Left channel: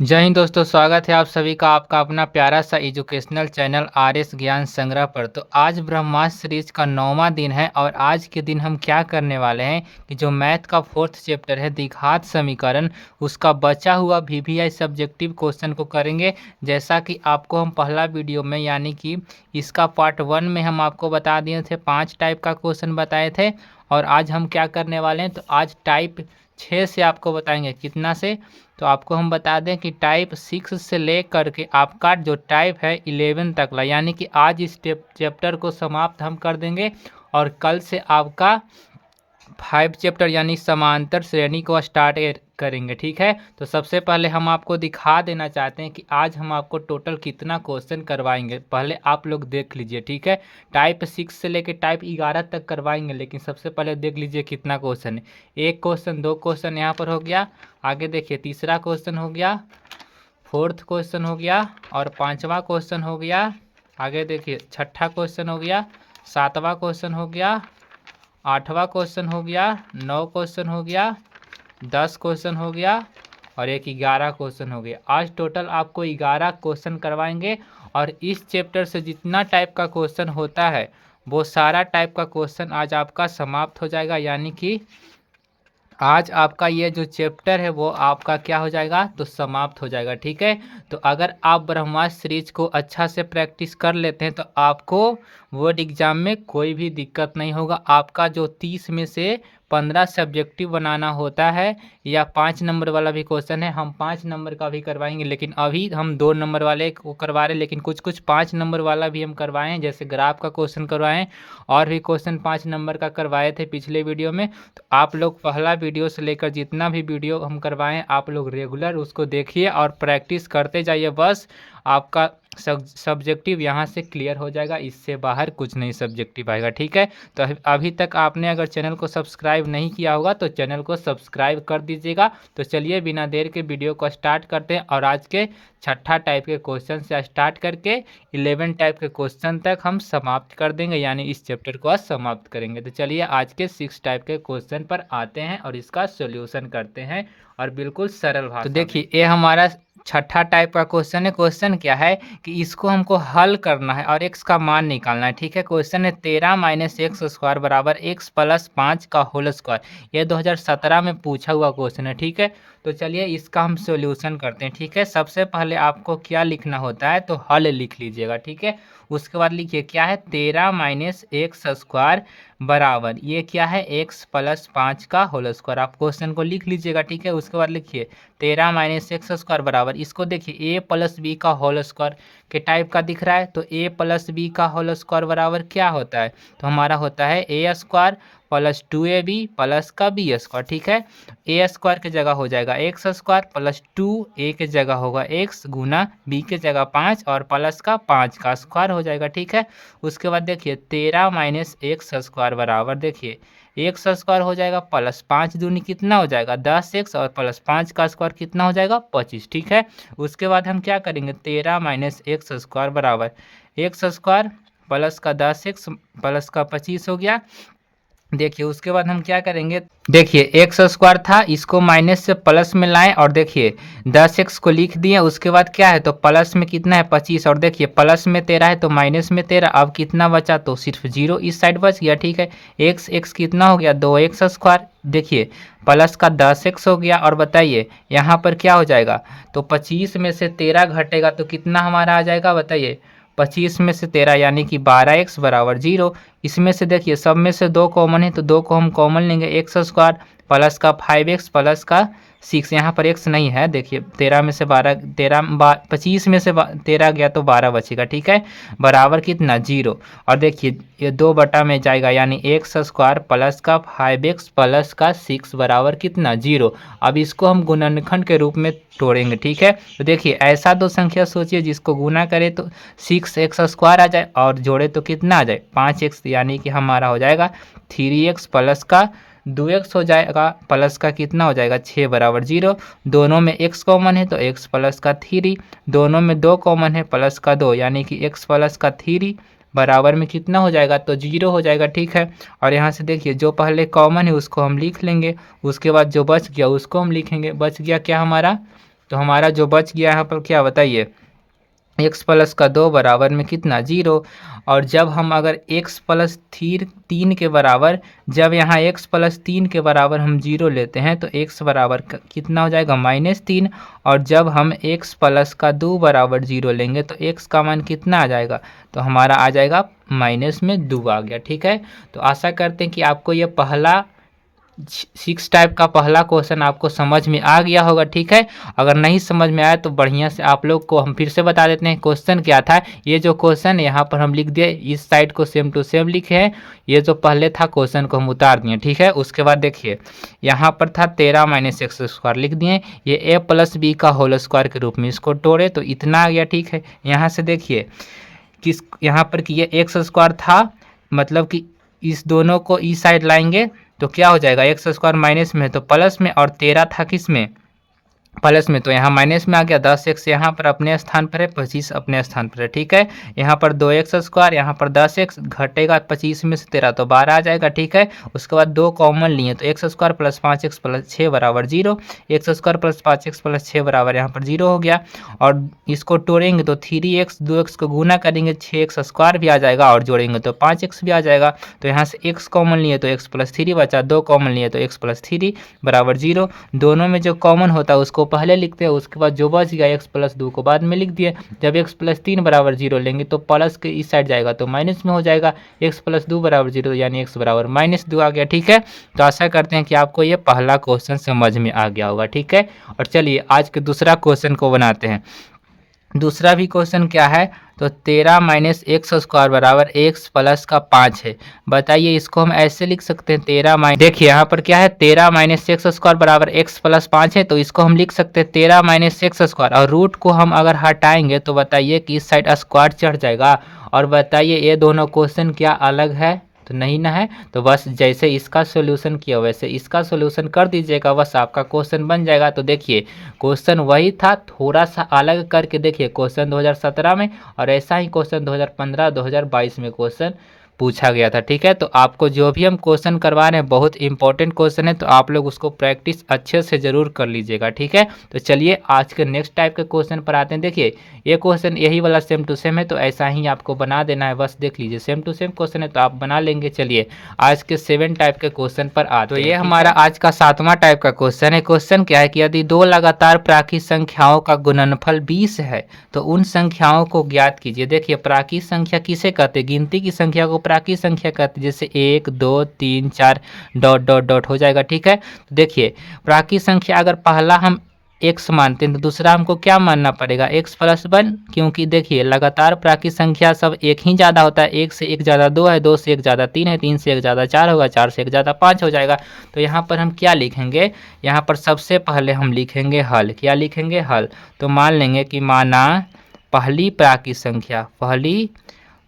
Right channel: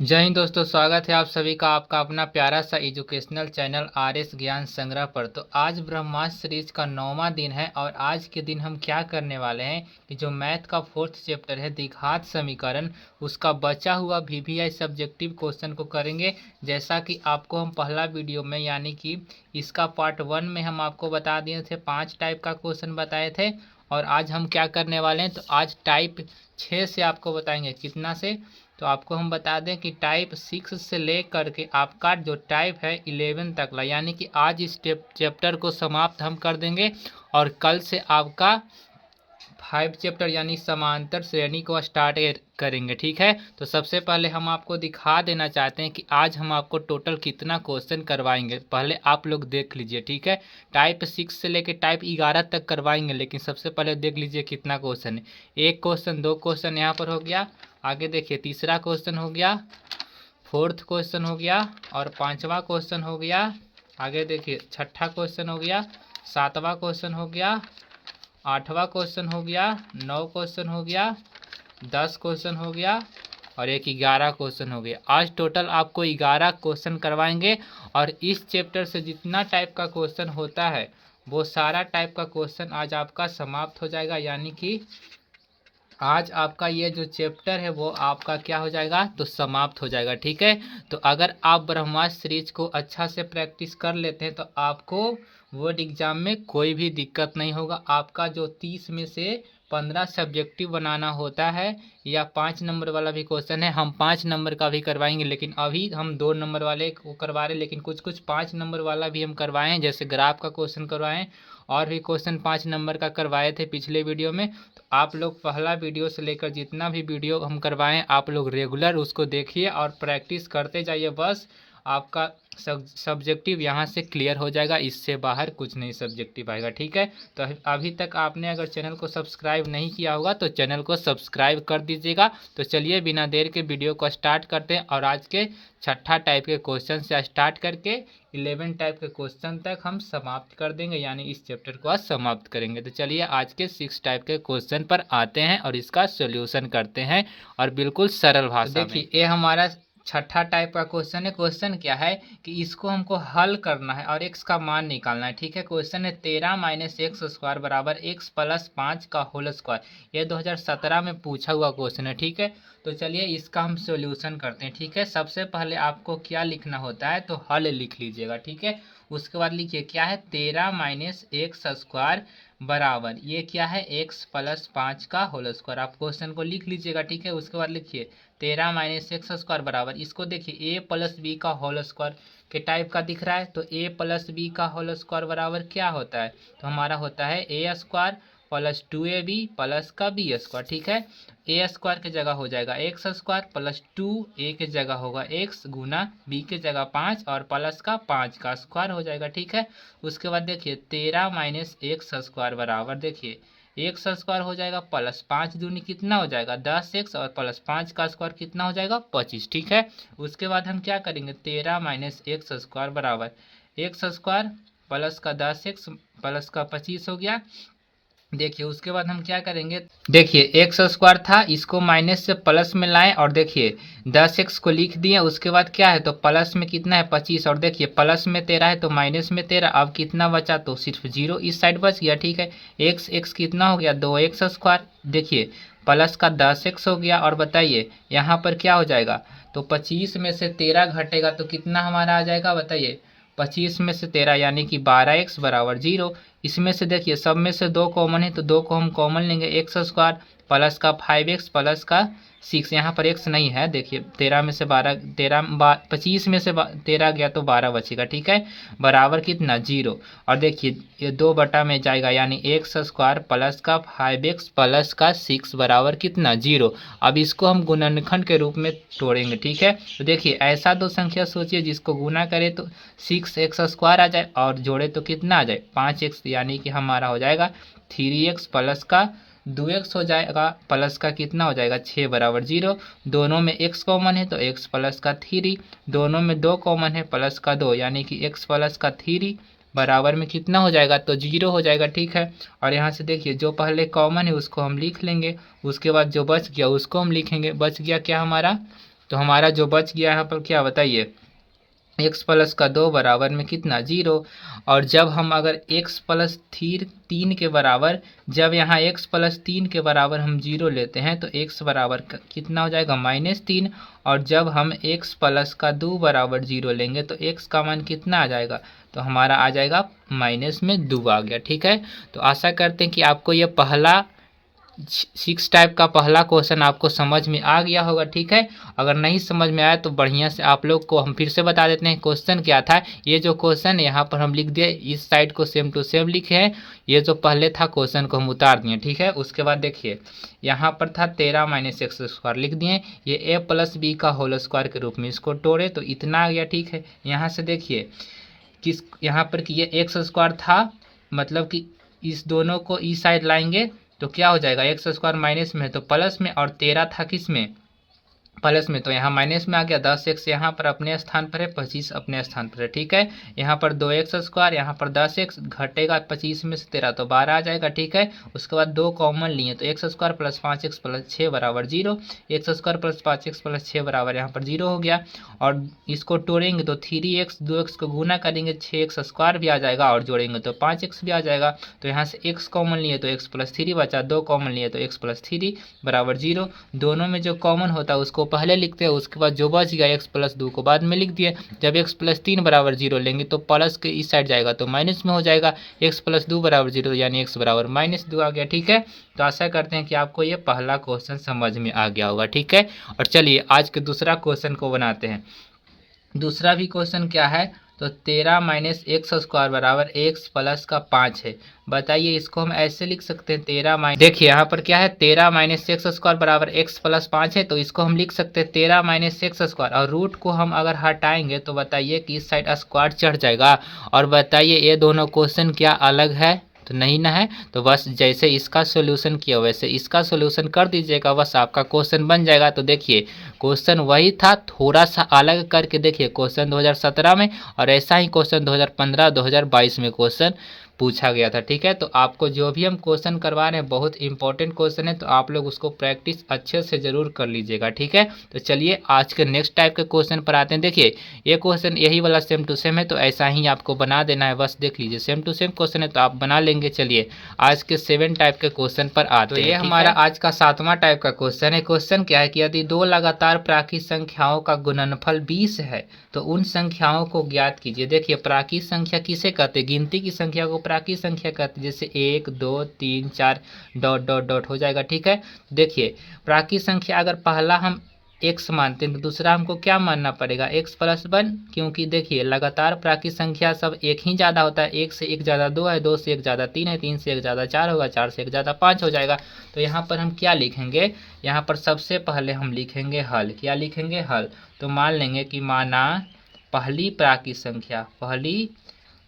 जय हिंद दोस्तों, स्वागत है आप सभी का आपका अपना प्यारा सा एजुकेशनल चैनल आर.एस. ज्ञान संग्रह पर। तो आज ब्रह्मास्त्र सीरीज का 9वां दिन है और आज के दिन हम क्या करने वाले हैं कि जो मैथ का 4th चैप्टर है द्विघात समीकरण, उसका बचा हुआ वीवीआई सब्जेक्टिव क्वेश्चन को करेंगे। जैसा कि आपको हम पहला वीडियो में यानी कि इसका पार्ट 1 में हम आपको बता दिए थे, 5 टाइप का क्वेश्चन बताए थे। और आज हम क्या करने वाले हैं, तो आज टाइप 6 से आपको बताएंगे। कितना से, तो आपको हम बता दें कि टाइप 6 से ले करके आपका जो टाइप है 11 तक ला, यानी कि आज इस चैप्टर को समाप्त हम कर देंगे और कल से आपका 5 चैप्टर यानी समांतर श्रेणी को स्टार्ट करेंगे। ठीक है, तो सबसे पहले हम आपको दिखा देना चाहते हैं कि आज हम आपको टोटल कितना क्वेश्चन करवाएंगे। पहले आप लोग देख लीजिए। ठीक है, टाइप 6 से लेकर टाइप 11 तक करवाएंगे, लेकिन सबसे पहले देख लीजिए कितना क्वेश्चन है। एक क्वेश्चन, दो क्वेश्चन यहाँ पर हो गया। आगे देखिए, तीसरा क्वेश्चन हो गया, 4th क्वेश्चन हो गया और 5वां क्वेश्चन हो गया। आगे देखिए, 6ठा क्वेश्चन हो गया, 7वां क्वेश्चन हो गया, 8वां क्वेश्चन हो गया, 9 क्वेश्चन हो गया, 10 क्वेश्चन हो गया और एक 11 क्वेश्चन हो गया। आज टोटल आपको 11 क्वेश्चन करवाएंगे और इस चैप्टर से जितना टाइप का क्वेश्चन होता है वो सारा टाइप का क्वेश्चन आज आपका समाप्त हो जाएगा। यानी कि आज आपका ये जो चैप्टर है वो आपका क्या हो जाएगा, तो समाप्त हो जाएगा। ठीक है, तो अगर आप ब्रह्मास्त्र सीरीज को अच्छा से प्रैक्टिस कर लेते हैं तो आपको बोर्ड एग्जाम में कोई भी दिक्कत नहीं होगा। आपका जो 30 में से 15 सब्जेक्टिव बनाना होता है या 5 नंबर वाला भी क्वेश्चन है, हम 5 नंबर का भी करवाएंगे, लेकिन अभी हम 2 नंबर वाले को करवा रहे हैं। लेकिन कुछ कुछ 5 नंबर वाला भी हम करवाए हैं, जैसे ग्राफ का क्वेश्चन करवाएं और भी क्वेश्चन 5 नंबर का करवाए थे पिछले वीडियो में। तो आप लोग पहला वीडियो से लेकर जितना भी वीडियो हम करवाएं आप लोग रेगुलर उसको देखिए और प्रैक्टिस करते जाइए। बस आपका सब्जेक्टिव यहाँ से क्लियर हो जाएगा, इससे बाहर कुछ नहीं सब्जेक्टिव आएगा। ठीक है, तो अभी तक आपने अगर चैनल को सब्सक्राइब नहीं किया होगा तो चैनल को सब्सक्राइब कर दीजिएगा। तो चलिए बिना देर के वीडियो को स्टार्ट करते हैं और आज के 6ठा टाइप के क्वेश्चन से स्टार्ट करके 11 टाइप के क्वेश्चन तक हम समाप्त कर देंगे, यानी इस चैप्टर को आज समाप्त करेंगे। तो चलिए आज के 6 टाइप के क्वेश्चन पर आते हैं और इसका सोल्यूशन करते हैं और बिल्कुल सरल भाषा में। देखिए, ये हमारा 6ठा टाइप का क्वेश्चन है। क्वेश्चन क्या है कि इसको हमको हल करना है और x का मान निकालना है। ठीक है, क्वेश्चन है 13 - x स्क्वायर बराबर x + 5 का होल स्क्वायर। ये 2017 में पूछा हुआ क्वेश्चन है। ठीक है, तो चलिए इसका हम सॉल्यूशन करते हैं। ठीक है, सबसे पहले आपको क्या लिखना होता है, तो हल लिख लीजिएगा। ठीक है, उसके बाद लिखिए क्या है, 13 - x स्क्वायर बराबर ये क्या है, x + 5 का होल स्क्वायर। आप क्वेश्चन को लिख लीजिएगा। ठीक है, उसके बाद लिखिए 13 - x स्क्वायर बराबर, इसको देखिए a + b का होल स्क्वायर के टाइप का दिख रहा है, तो a + b का होल स्क्वायर बराबर क्या होता है, तो हमारा होता है a स्क्वायर + 2ab प्लस का b स्क्वायर। ठीक है, a स्क्वायर की जगह हो जाएगा x स्क्वायर + 2a की जगह होगा x गुना b की जगह 5 और प्लस का 5 का स्क्वायर हो जाएगा। ठीक है, उसके बाद देखिए 13 - x स्क्वायर बराबर, देखिए x स्क्वायर हो जाएगा प्लस 5 दूनी कितना हो जाएगा 10x और प्लस 5 का स्क्वायर कितना हो जाएगा 25। ठीक है, उसके बाद हम क्या करेंगे, 13 - x स्क्वायर बराबर x स्क्वायर प्लस का 10x प्लस का 25 हो गया। देखिए उसके बाद हम क्या करेंगे, देखिए एक्स स्क्वायर था, इसको माइनस से प्लस में लाएं और देखिए 10x को लिख दिए। उसके बाद क्या है, तो प्लस में कितना है 25 और देखिए प्लस में 13 है तो माइनस में 13। अब कितना बचा, तो सिर्फ 0 इस साइड बच गया। ठीक है, x कितना हो गया 2x स्क्वायर, देखिए प्लस का 10x हो गया। और बताइए यहाँ पर क्या हो जाएगा, तो 25 में से 13 घटेगा तो कितना हमारा आ जाएगा, बताइए 25 में से 13 यानी कि 12x बराबर 0। इसमें से देखिए सब में से 2 कॉमन है तो 2 को हम कॉमन लेंगे, एक्स स्क्वायर प्लस का 5x प्लस का 6, यहाँ पर x नहीं है। देखिए 13 में से 12 25 में से 13 गया तो 12 बचेगा। ठीक है, बराबर कितना 0। और देखिए ये 2 बटा में जाएगा यानी एक्स स्क्वायर प्लस का 5x प्लस का 6 बराबर कितना 0। अब इसको हम गुणनखंड के रूप में तोड़ेंगे। ठीक है, तो देखिए ऐसा दो संख्या सोचिए जिसको गुना करे तो 6x स्क्वायर आ जाए और जोड़े तो कितना आ जाए 5x, यानी कि हमारा हो जाएगा 3x प्लस का 2x हो जाएगा प्लस का कितना हो जाएगा 6 बराबर 0। दोनों में x कॉमन है तो x प्लस का 3, दोनों में 2 कॉमन है प्लस का 2 यानी कि x प्लस का 3 बराबर में कितना हो जाएगा, तो 0 हो जाएगा। ठीक है, और यहाँ से देखिए जो पहले कॉमन है उसको हम लिख लेंगे, उसके बाद जो बच गया उसको हम लिखेंगे। बच गया क्या हमारा तो हमारा जो बच गया यहाँ पर क्या बताइए, x प्लस का 2 बराबर में कितना 0। और जब हम अगर x प्लस 3 के बराबर, जब यहाँ x प्लस 3 के बराबर हम 0 लेते हैं तो x बराबर कितना हो जाएगा -3। और जब हम x प्लस का 2 बराबर 0 लेंगे तो x का मान कितना आ जाएगा, तो हमारा आ जाएगा -2 आ गया। ठीक है, तो आशा करते हैं कि आपको ये पहला 6 टाइप का पहला क्वेश्चन आपको समझ में आ गया होगा। ठीक है, अगर नहीं समझ में आया तो बढ़िया से आप लोग को हम फिर से बता देते हैं क्वेश्चन क्या था। ये जो क्वेश्चन यहाँ पर हम लिख दिए, इस साइड को सेम टू सेम लिखे हैं। ये जो पहले था क्वेश्चन को हम उतार दिए। ठीक है, उसके बाद देखिए यहाँ पर था 13 - x स्क्वायर लिख दिए, ये a प्लस बी का होल स्क्वायर के रूप में इसको तोड़े तो इतना आ गया। ठीक है, यहाँ से देखिए किस यहाँ पर कि ये एक्स स्क्वायर था, मतलब कि इस दोनों को इस साइड लाएंगे तो क्या हो जाएगा, एक्स स्क्वायर माइनस में है तो प्लस में, और 13 था किस में, प्लस में, तो यहाँ माइनस में आ गया। 10x यहाँ पर अपने स्थान पर है, 25 अपने स्थान पर है। ठीक है, यहाँ पर 2x स्क्वायर, यहाँ पर 10x घटेगा 25 में से 13 तो 12 आ जाएगा। ठीक है, उसके बाद 2 कॉमन लिए तो x square plus 5x plus 6 बराबर 0, x square plus 5x plus 6 बराबर यहाँ पर 0 हो गया। और इसको तोड़ेंगे तो 3x 2x को गुना करेंगे 6x स्क्वायर भी आ जाएगा, और जोड़ेंगे तो 5x भी आ जाएगा। तो यहाँ से x कॉमन लिए तो x प्लस 3 बचा, 2 कॉमन लिए तो x प्लस 3 बराबर 0। दोनों में जो कॉमन होता है उसको पहले लिखते हैं, उसके बाद जो बच गया x प्लस 2 को बाद में लिख दिए। जब x प्लस 3 बराबर 0 लेंगे तो प्लस के इस साइड जाएगा तो माइनस में हो जाएगा, x प्लस 2 बराबर 0 यानी x बराबर -2 आ गया। ठीक है, तो आशा करते हैं कि आपको ये पहला क्वेश्चन समझ में आ गया होगा। ठीक है, और चलिए आज के दूसरा क्वेश्चन को बनाते हैं। दूसरा भी क्वेश्चन क्या है, तो 13 - x स्क्वायर बराबर x प्लस का 5 है। बताइए इसको हम ऐसे लिख सकते हैं 13 माइनस, देखिए यहाँ पर क्या है 13 - x स्क्वायर बराबर x प्लस 5 है, तो इसको हम लिख सकते हैं 13 - x स्क्वायर, और रूट को हम अगर हटाएंगे तो बताइए कि इस साइड स्क्वायर चढ़ जाएगा। और बताइए ये दोनों क्वेश्चन क्या अलग है, तो नहीं ना है, तो बस जैसे इसका सॉल्यूशन किया वैसे इसका सॉल्यूशन कर दीजिएगा, बस आपका क्वेश्चन बन जाएगा। तो देखिए क्वेश्चन वही था, थोड़ा सा अलग करके देखिए क्वेश्चन 2017 में, और ऐसा ही क्वेश्चन 2015 2022 में क्वेश्चन पूछा गया था। ठीक है, तो आपको जो भी हम क्वेश्चन करवा रहे हैं बहुत इंपॉर्टेंट क्वेश्चन है, तो आप लोग उसको प्रैक्टिस अच्छे से ज़रूर कर लीजिएगा। ठीक है, तो चलिए आज के नेक्स्ट टाइप के क्वेश्चन पर आते हैं। देखिए ये क्वेश्चन यही वाला सेम टू सेम है, तो ऐसा ही आपको बना देना है, बस देख लीजिए सेम टू सेम क्वेश्चन है तो आप बना लेंगे। चलिए आज के 7 टाइप के क्वेश्चन पर आते हैं। तो ये हमारा आज का 7वां टाइप का क्वेश्चन है। क्वेश्चन क्या है कि यदि 2 लगातार प्राकृत संख्याओं का गुणनफल 20 है तो उन संख्याओं को ज्ञात कीजिए। देखिए प्राकृत संख्या किसे कहते हैं, गिनती की संख्या को प्राकृत संख्या कहते हैं, जैसे 1 2 3 4 डॉट डॉट डॉट हो जाएगा। ठीक है, देखिए प्राकृत संख्या अगर पहला हम x मानते हैं तो दूसरा हमको क्या मानना पड़ेगा, x प्लस 1, क्योंकि देखिए लगातार प्राकृत संख्या सब एक ही ज़्यादा होता है, 1 से 1 ज़्यादा 2 है, 2 से 1 ज़्यादा 3 है, 3 से 1 ज़्यादा 4 होगा, 4 से 1 ज़्यादा 5 हो जाएगा। तो यहाँ पर हम क्या लिखेंगे, यहाँ पर सबसे पहले हम लिखेंगे हल, क्या लिखेंगे हल। तो मान लेंगे कि माना पहली प्राकृत संख्या, पहली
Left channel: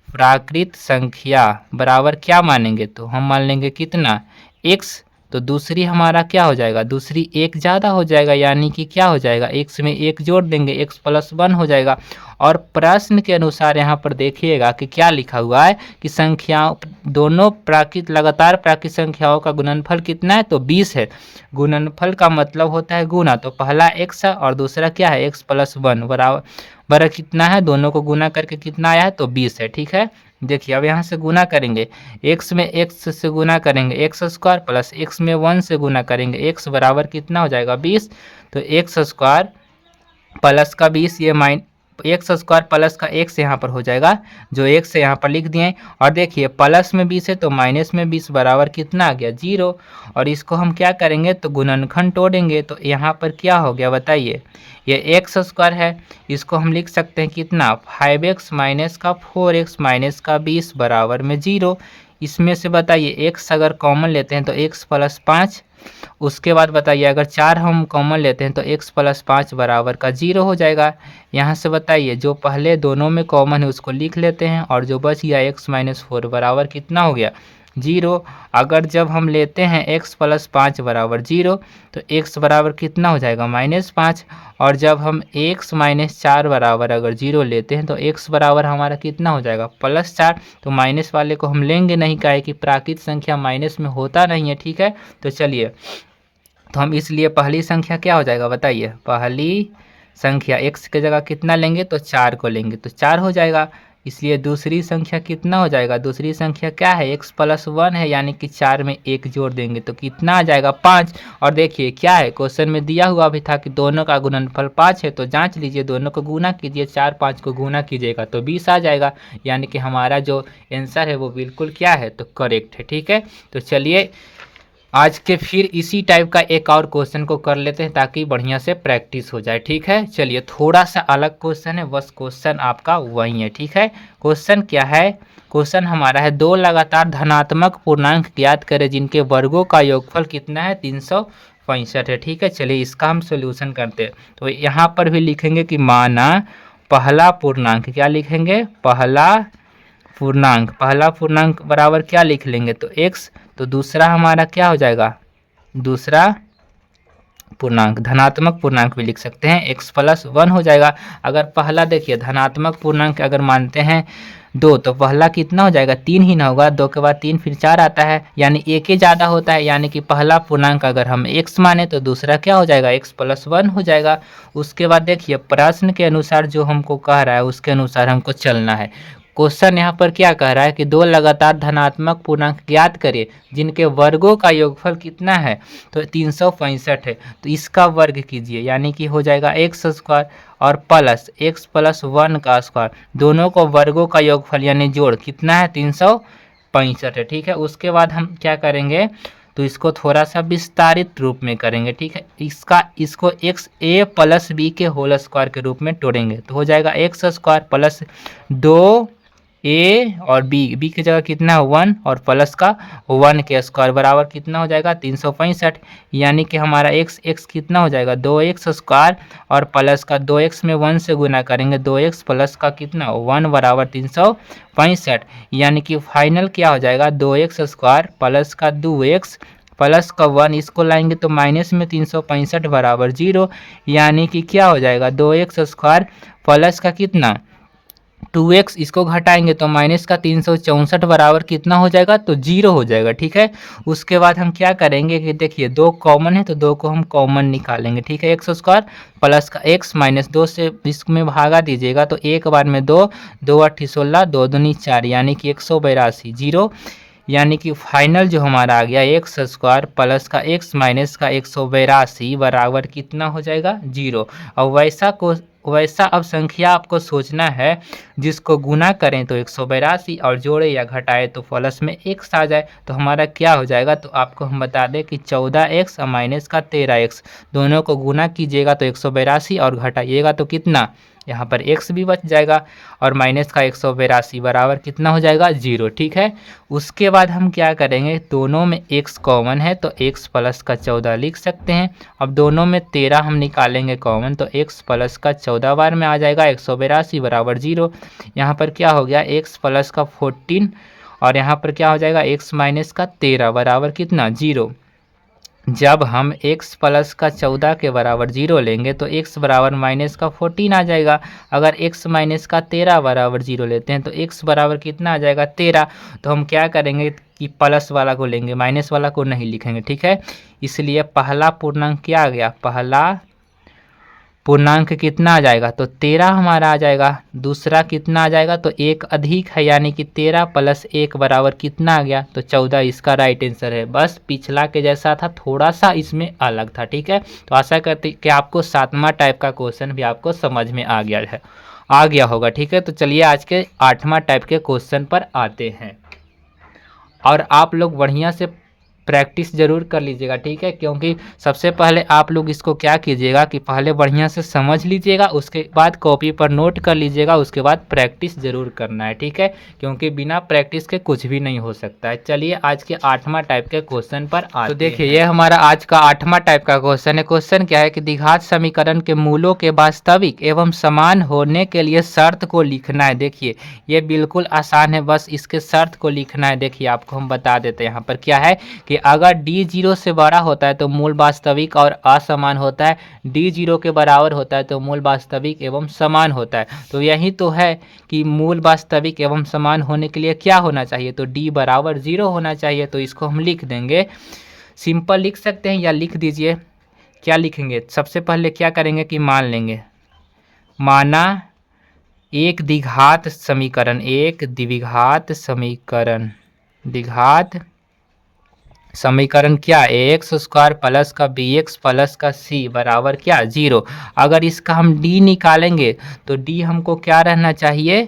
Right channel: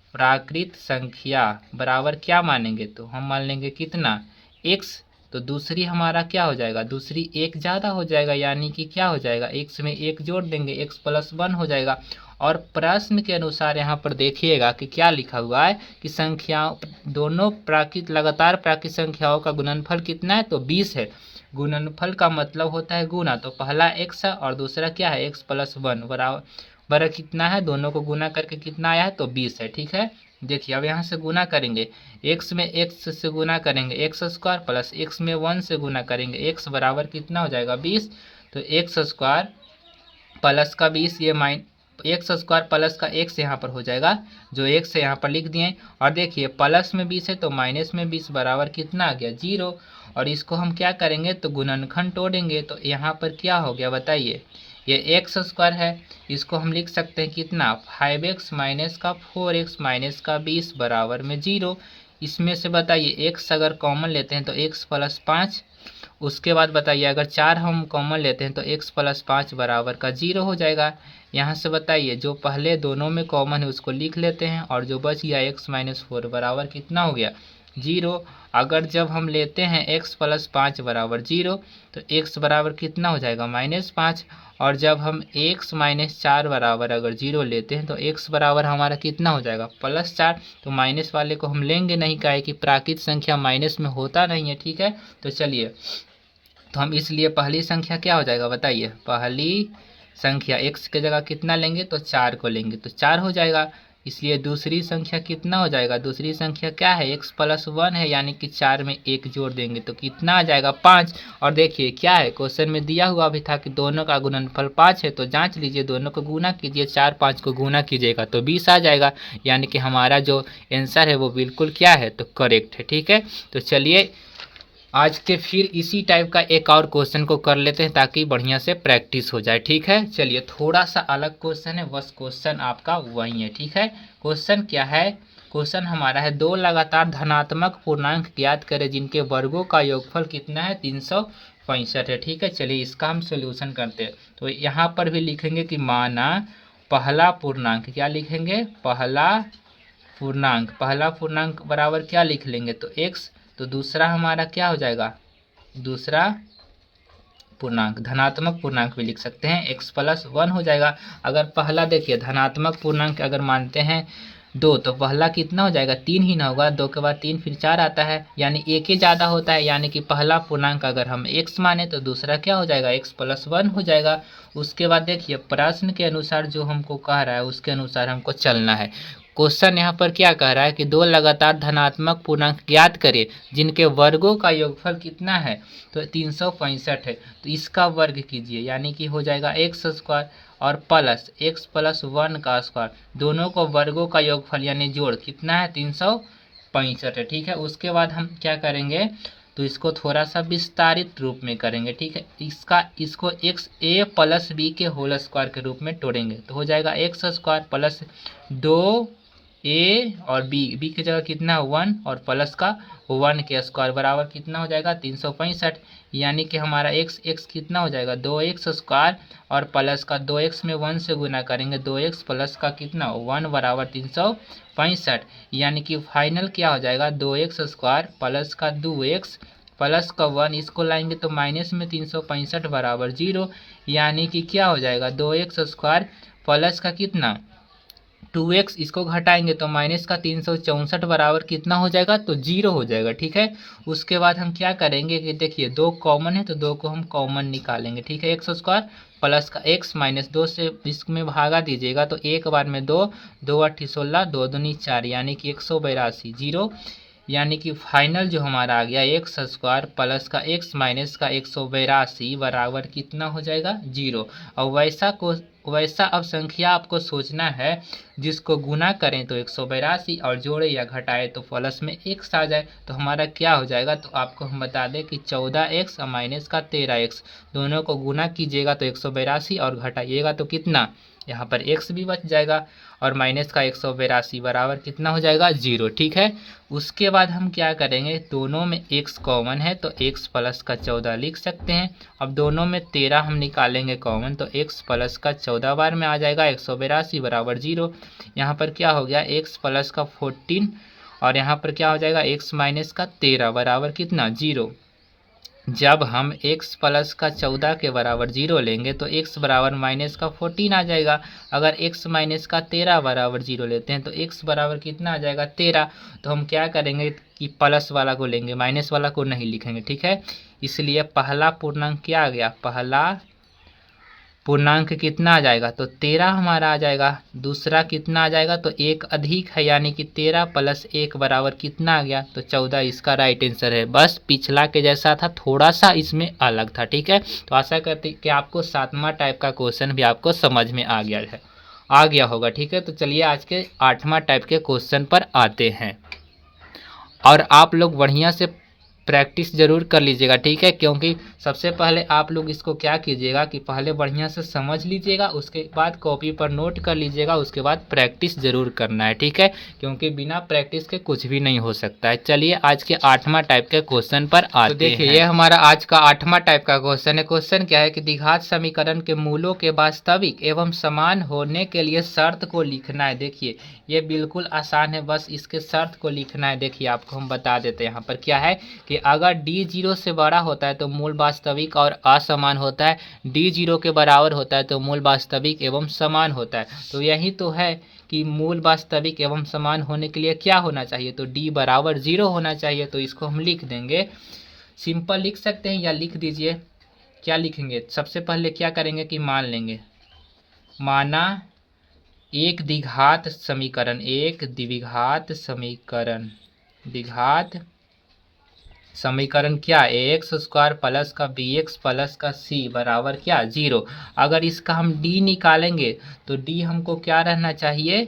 प्राकृत संख्या बराबर क्या मानेंगे, तो हम मान लेंगे कितना x, तो दूसरी हमारा क्या हो जाएगा, दूसरी 1 ज़्यादा हो जाएगा, यानी कि क्या हो जाएगा x में 1 जोड़ देंगे, x प्लस 1 हो जाएगा। और प्रश्न के अनुसार यहाँ पर देखिएगा कि क्या लिखा हुआ है कि संख्याओं दोनों प्राकृत लगातार प्राकृत संख्याओं का गुणनफल कितना है, तो 20 है। गुणनफल का मतलब होता है गुना, तो पहला x है और दूसरा क्या है x प्लस 1 बराबर कितना है, दोनों को गुना करके कितना आया है, तो 20 है। ठीक है, देखिए अब यहाँ से गुना करेंगे, x में x से गुना करेंगे x स्क्वायर, प्लस x में 1 से गुना करेंगे x बराबर कितना हो जाएगा 20। तो x स्क्वायर प्लस का 20, ये x स्क्वायर प्लस का x यहाँ पर हो जाएगा, जो x है यहाँ पर लिख दिए। और देखिए प्लस में 20 है तो माइनस में 20 बराबर कितना आ गया 0। और इसको हम क्या करेंगे, तो गुणनखंड तोड़ेंगे, तो यहाँ पर क्या हो गया बताइए, ये x स्क्वायर है, इसको हम लिख सकते हैं कितना 5x माइनस का 4x माइनस का 20 बराबर में 0। इसमें से बताइए x अगर कॉमन लेते हैं तो x प्लस 5, उसके बाद बताइए अगर 4 हम कॉमन लेते हैं तो x प्लस 5 बराबर का 0 हो जाएगा। यहाँ से बताइए जो पहले दोनों में कॉमन है उसको लिख लेते हैं, और जो बच गया x माइनस 4 बराबर कितना हो गया 0। अगर जब हम लेते हैं x प्लस 5 बराबर 0 तो x बराबर कितना हो जाएगा -5, और जब हम x माइनस 4 बराबर अगर 0 लेते हैं तो x बराबर हमारा कितना हो जाएगा +4। तो माइनस वाले को हम लेंगे नहीं, काहे कि प्राकृत संख्या माइनस में होता नहीं है। ठीक है, तो चलिए तो हम इसलिए पहली संख्या क्या हो जाएगा बताइए, पहली संख्या x की जगह कितना लेंगे तो 4 को लेंगे तो 4 हो जाएगा। इसलिए दूसरी संख्या कितना हो जाएगा, दूसरी संख्या क्या है, x प्लस 1 है, यानी कि 4 में 1 जोड़ देंगे तो कितना आ जाएगा 5। और देखिए क्या है, क्वेश्चन में दिया हुआ भी था कि दोनों का गुणनफल 5 है, तो जांच लीजिए, दोनों को गुना कीजिए, 4 5 को गुना कीजिएगा तो 20 आ जाएगा। यानी कि हमारा जो आंसर है वो बिल्कुल क्या है, तो करेक्ट है। ठीक है, तो चलिए आज के फिर इसी टाइप का एक और क्वेश्चन को कर लेते हैं ताकि बढ़िया से प्रैक्टिस हो जाए। ठीक है, चलिए थोड़ा सा अलग क्वेश्चन है, बस क्वेश्चन आपका वही है। ठीक है, क्वेश्चन क्या है, क्वेश्चन हमारा है दो लगातार धनात्मक पूर्णांक ज्ञात करें जिनके वर्गों का योगफल कितना है, 365 है। ठीक है, चलिए इसका हम सोल्यूशन करते हैं। तो यहाँ पर भी लिखेंगे कि माना पहला पूर्णांक, क्या लिखेंगे, पहला पूर्णांक बराबर क्या लिख लेंगे तो x, तो दूसरा हमारा क्या हो जाएगा, दूसरा पूर्णांक धनात्मक पूर्णांक भी लिख सकते हैं, x प्लस 1 हो जाएगा। अगर पहला देखिए धनात्मक पूर्णांक अगर मानते हैं 2 तो पहला कितना हो जाएगा, 3 ही ना होगा, 2 के बाद 3 फिर 4 आता है, यानी एक ही ज़्यादा होता है, यानी कि पहला पूर्णांक अगर हम x माने तो दूसरा क्या हो जाएगा, x प्लस 1 हो जाएगा। उसके बाद देखिए प्रश्न के अनुसार जो हमको कह रहा है उसके अनुसार हमको चलना है। क्वेश्चन यहाँ पर क्या कह रहा है कि दो लगातार धनात्मक पूर्णांक ज्ञात करें जिनके वर्गों का योगफल कितना है, तो 365 है, तो इसका वर्ग कीजिए, यानी कि हो जाएगा एक्स स्क्वायर और प्लस एक्स प्लस 1 का स्क्वायर, दोनों को वर्गों का योगफल यानी जोड़ कितना है, 365 है। ठीक है, उसके बाद हम क्या करेंगे, तो इसको थोड़ा सा विस्तारित रूप में करेंगे। ठीक है, इसको एक्स ए प्लस बी के होल स्क्वायर के रूप में तोड़ेंगे तो हो जाएगा एक्स स्क्वायर प्लस 2 ए और बी की जगह कितना है 1 और प्लस का 1 के स्क्वायर बराबर कितना हो जाएगा 365, यानी कि हमारा x कितना हो जाएगा 2x स्क्वायर और प्लस का 2x में 1 से गुना करेंगे 2x प्लस का कितना 1 बराबर 365, यानी कि फाइनल क्या हो जाएगा 2x स्क्वायर प्लस का 2x प्लस का 1, इसको लाएंगे तो माइनस में 365 बराबर 0, यानी कि क्या हो जाएगा 2x स्क्वायर प्लस का कितना 2x, इसको घटाएंगे तो माइनस का 364 बराबर कितना हो जाएगा, तो 0 हो जाएगा। ठीक है, उसके बाद हम क्या करेंगे कि देखिए 2 कॉमन है तो 2 को हम कॉमन निकालेंगे। ठीक है, एक्स स्क्वायर प्लस का x माइनस 2 से इसमें भागा दीजिएगा तो एक बार में 2 2 8 16 2 दूनी 4, यानी कि 182 0, यानी कि फाइनल जो हमारा आ गया एक्स स्क्वायर प्लस का x माइनस का 182 बराबर कितना हो जाएगा 0। और वैसा अब संख्या आपको सोचना है जिसको गुना करें तो 182 और जोड़े या घटाए तो प्लस में x आ जाए, तो हमारा क्या हो जाएगा, तो आपको हम बता दें कि 14x और माइनस का 13x, दोनों को गुना कीजिएगा तो 182 और घटाइएगा तो कितना, यहाँ पर x भी बच जाएगा और माइनस का 182 बराबर कितना हो जाएगा 0। ठीक है, उसके बाद हम क्या करेंगे, दोनों में x कॉमन है तो x प्लस का 14 लिख सकते हैं। अब दोनों में 13 हम निकालेंगे कॉमन तो x प्लस का 14 बार में आ जाएगा 182 बराबर 0। यहाँ पर क्या हो गया x प्लस का 14 और यहाँ पर क्या हो जाएगा x माइनस का 13 बराबर कितना 0। जब हम x प्लस का 14 के बराबर 0 लेंगे तो x बराबर माइनस का 14 आ जाएगा। अगर x माइनस का 13 बराबर 0 लेते हैं तो x बराबर कितना आ जाएगा 13। तो हम क्या करेंगे कि प्लस वाला को लेंगे, माइनस वाला को नहीं लिखेंगे। ठीक है, इसलिए पहला पूर्णांक क्या आ गया, पहला पूर्णांक कितना आ जाएगा, तो 13 हमारा आ जाएगा। दूसरा कितना आ जाएगा, तो एक अधिक है, यानी कि 13 प्लस 1 बराबर कितना आ गया, तो 14 इसका राइट आंसर है। बस पिछला के जैसा था, थोड़ा सा इसमें अलग था। ठीक है, तो आशा करते कि आपको 7वां टाइप का क्वेश्चन भी आपको समझ में आ गया होगा। ठीक है, तो चलिए आज के 8वां टाइप के क्वेश्चन पर आते हैं और आप लोग बढ़िया से प्रैक्टिस ज़रूर कर लीजिएगा। ठीक है, क्योंकि सबसे पहले आप लोग इसको क्या कीजिएगा कि पहले बढ़िया से समझ लीजिएगा, उसके बाद कॉपी पर नोट कर लीजिएगा, उसके बाद प्रैक्टिस ज़रूर करना है। ठीक है, क्योंकि बिना प्रैक्टिस के कुछ भी नहीं हो सकता है। चलिए आज के 8वां टाइप के क्वेश्चन पर आते हैं। तो देखिए ये हमारा आज का 8वां टाइप का क्वेश्चन है। क्वेश्चन क्या है कि द्विघात समीकरण के मूलों के वास्तविक एवं समान होने के लिए शर्त को लिखना है। देखिए ये बिल्कुल आसान है, बस इसके शर्त को लिखना है। देखिए आपको हम बता देते हैं यहाँ पर क्या है कि अगर d 0 से बड़ा होता है तो मूल वास्तविक और असमान होता है, d 0 के बराबर होता है तो मूल वास्तविक एवं समान होता है। तो यही तो है कि मूल वास्तविक एवं समान होने के लिए क्या होना चाहिए, तो d बराबर 0 होना चाहिए। तो इसको हम लिख देंगे, सिंपल लिख सकते हैं या लिख दीजिए। क्या लिखेंगे, सबसे पहले क्या करेंगे कि मान लेंगे माना एक द्विघात समीकरण, एक द्विघात समीकरण, द्विघात समीकरण क्या, एक्स स्क्वायर प्लस का बी एक्स प्लस का सी बराबर क्या, 0। अगर इसका हम डी निकालेंगे तो डी हमको क्या रहना चाहिए,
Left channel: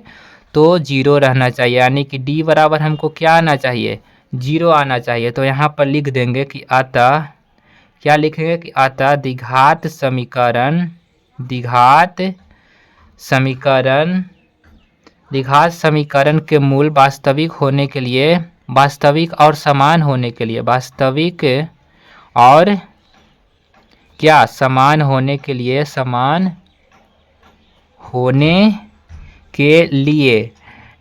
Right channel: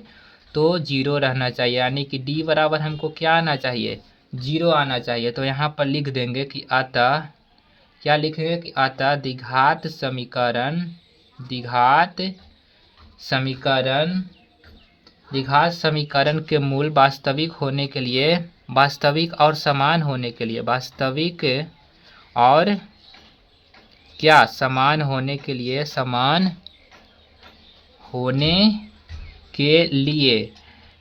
तो 0 रहना चाहिए, यानी कि डी बराबर हमको क्या आना चाहिए, 0 आना चाहिए। तो यहाँ पर लिख देंगे कि अतः, क्या लिखेंगे कि अतः द्विघात समीकरण, द्विघात समीकरण, द्विघात समीकरण के मूल वास्तविक होने के लिए, वास्तविक और समान होने के लिए, वास्तविक और क्या समान होने के लिए, समान होने के लिए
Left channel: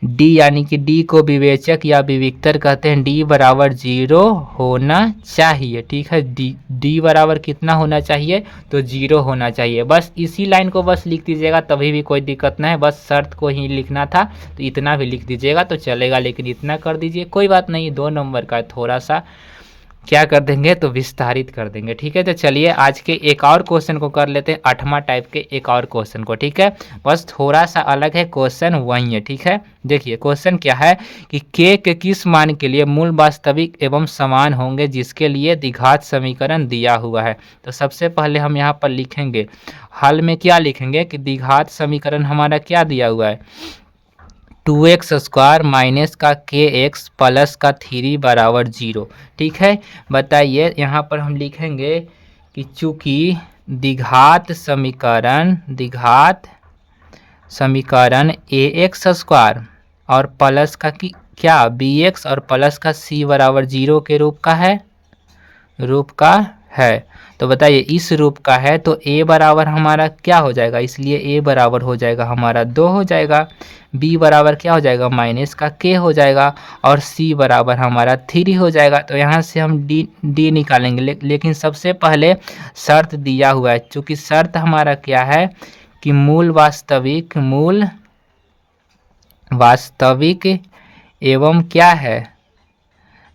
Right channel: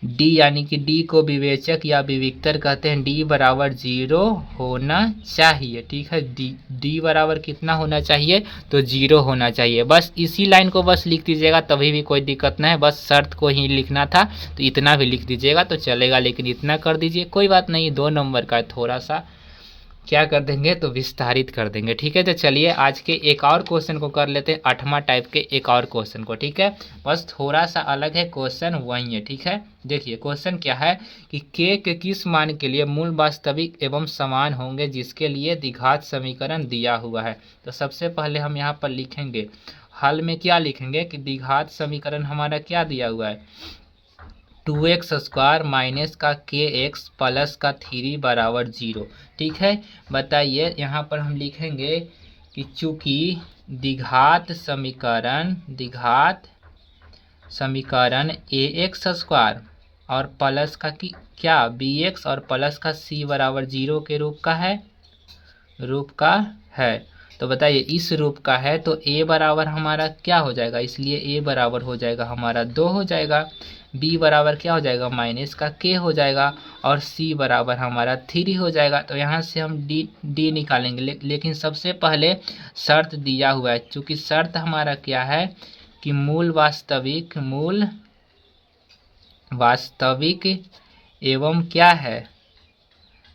डी, यानी कि डी को विवेचक या विविक्तर कहते हैं, डी बराबर 0 होना चाहिए। ठीक है, डी बराबर कितना होना चाहिए, तो 0 होना चाहिए। बस इसी लाइन को बस लिख दीजिएगा, तभी भी कोई दिक्कत नहीं है, बस शर्त को ही लिखना था, तो इतना भी लिख दीजिएगा तो चलेगा, लेकिन इतना कर दीजिए, कोई बात नहीं, 2 नंबर का थोड़ा सा क्या कर देंगे, तो विस्तारित कर देंगे। ठीक है, तो चलिए आज के एक और क्वेश्चन को कर लेते हैं, 8वां टाइप के एक और क्वेश्चन को। ठीक है, बस थोड़ा सा अलग है, क्वेश्चन वही है। ठीक है, देखिए क्वेश्चन क्या है कि के किस मान के लिए मूल वास्तविक एवं समान होंगे जिसके लिए द्विघात समीकरण दिया हुआ है। तो सबसे पहले हम यहाँ पर लिखेंगे, हल में क्या लिखेंगे कि द्विघात समीकरण हमारा क्या दिया हुआ है, 2x स्क्वायर माइनस का के एक्स प्लस का 3 बराबर 0। ठीक है, बताइए यहाँ पर हम लिखेंगे कि चूंकि द्विघात समीकरण, द्विघात समीकरण ए एक्स स्क्वायर और प्लस का कि क्या बी एक्स और प्लस का सी बराबर 0 के रूप का है, रूप का है। तो बताइए इस रूप का है तो a बराबर हमारा क्या हो जाएगा, इसलिए a बराबर हो जाएगा हमारा 2 हो जाएगा, b बराबर क्या हो जाएगा माइनस का k हो जाएगा, और c बराबर हमारा 3 हो जाएगा। तो यहाँ से हम d निकालेंगे, लेकिन सबसे पहले शर्त दिया हुआ है, चूँकि शर्त हमारा क्या है कि मूल वास्तविक, मूल वास्तविक एवं क्या है,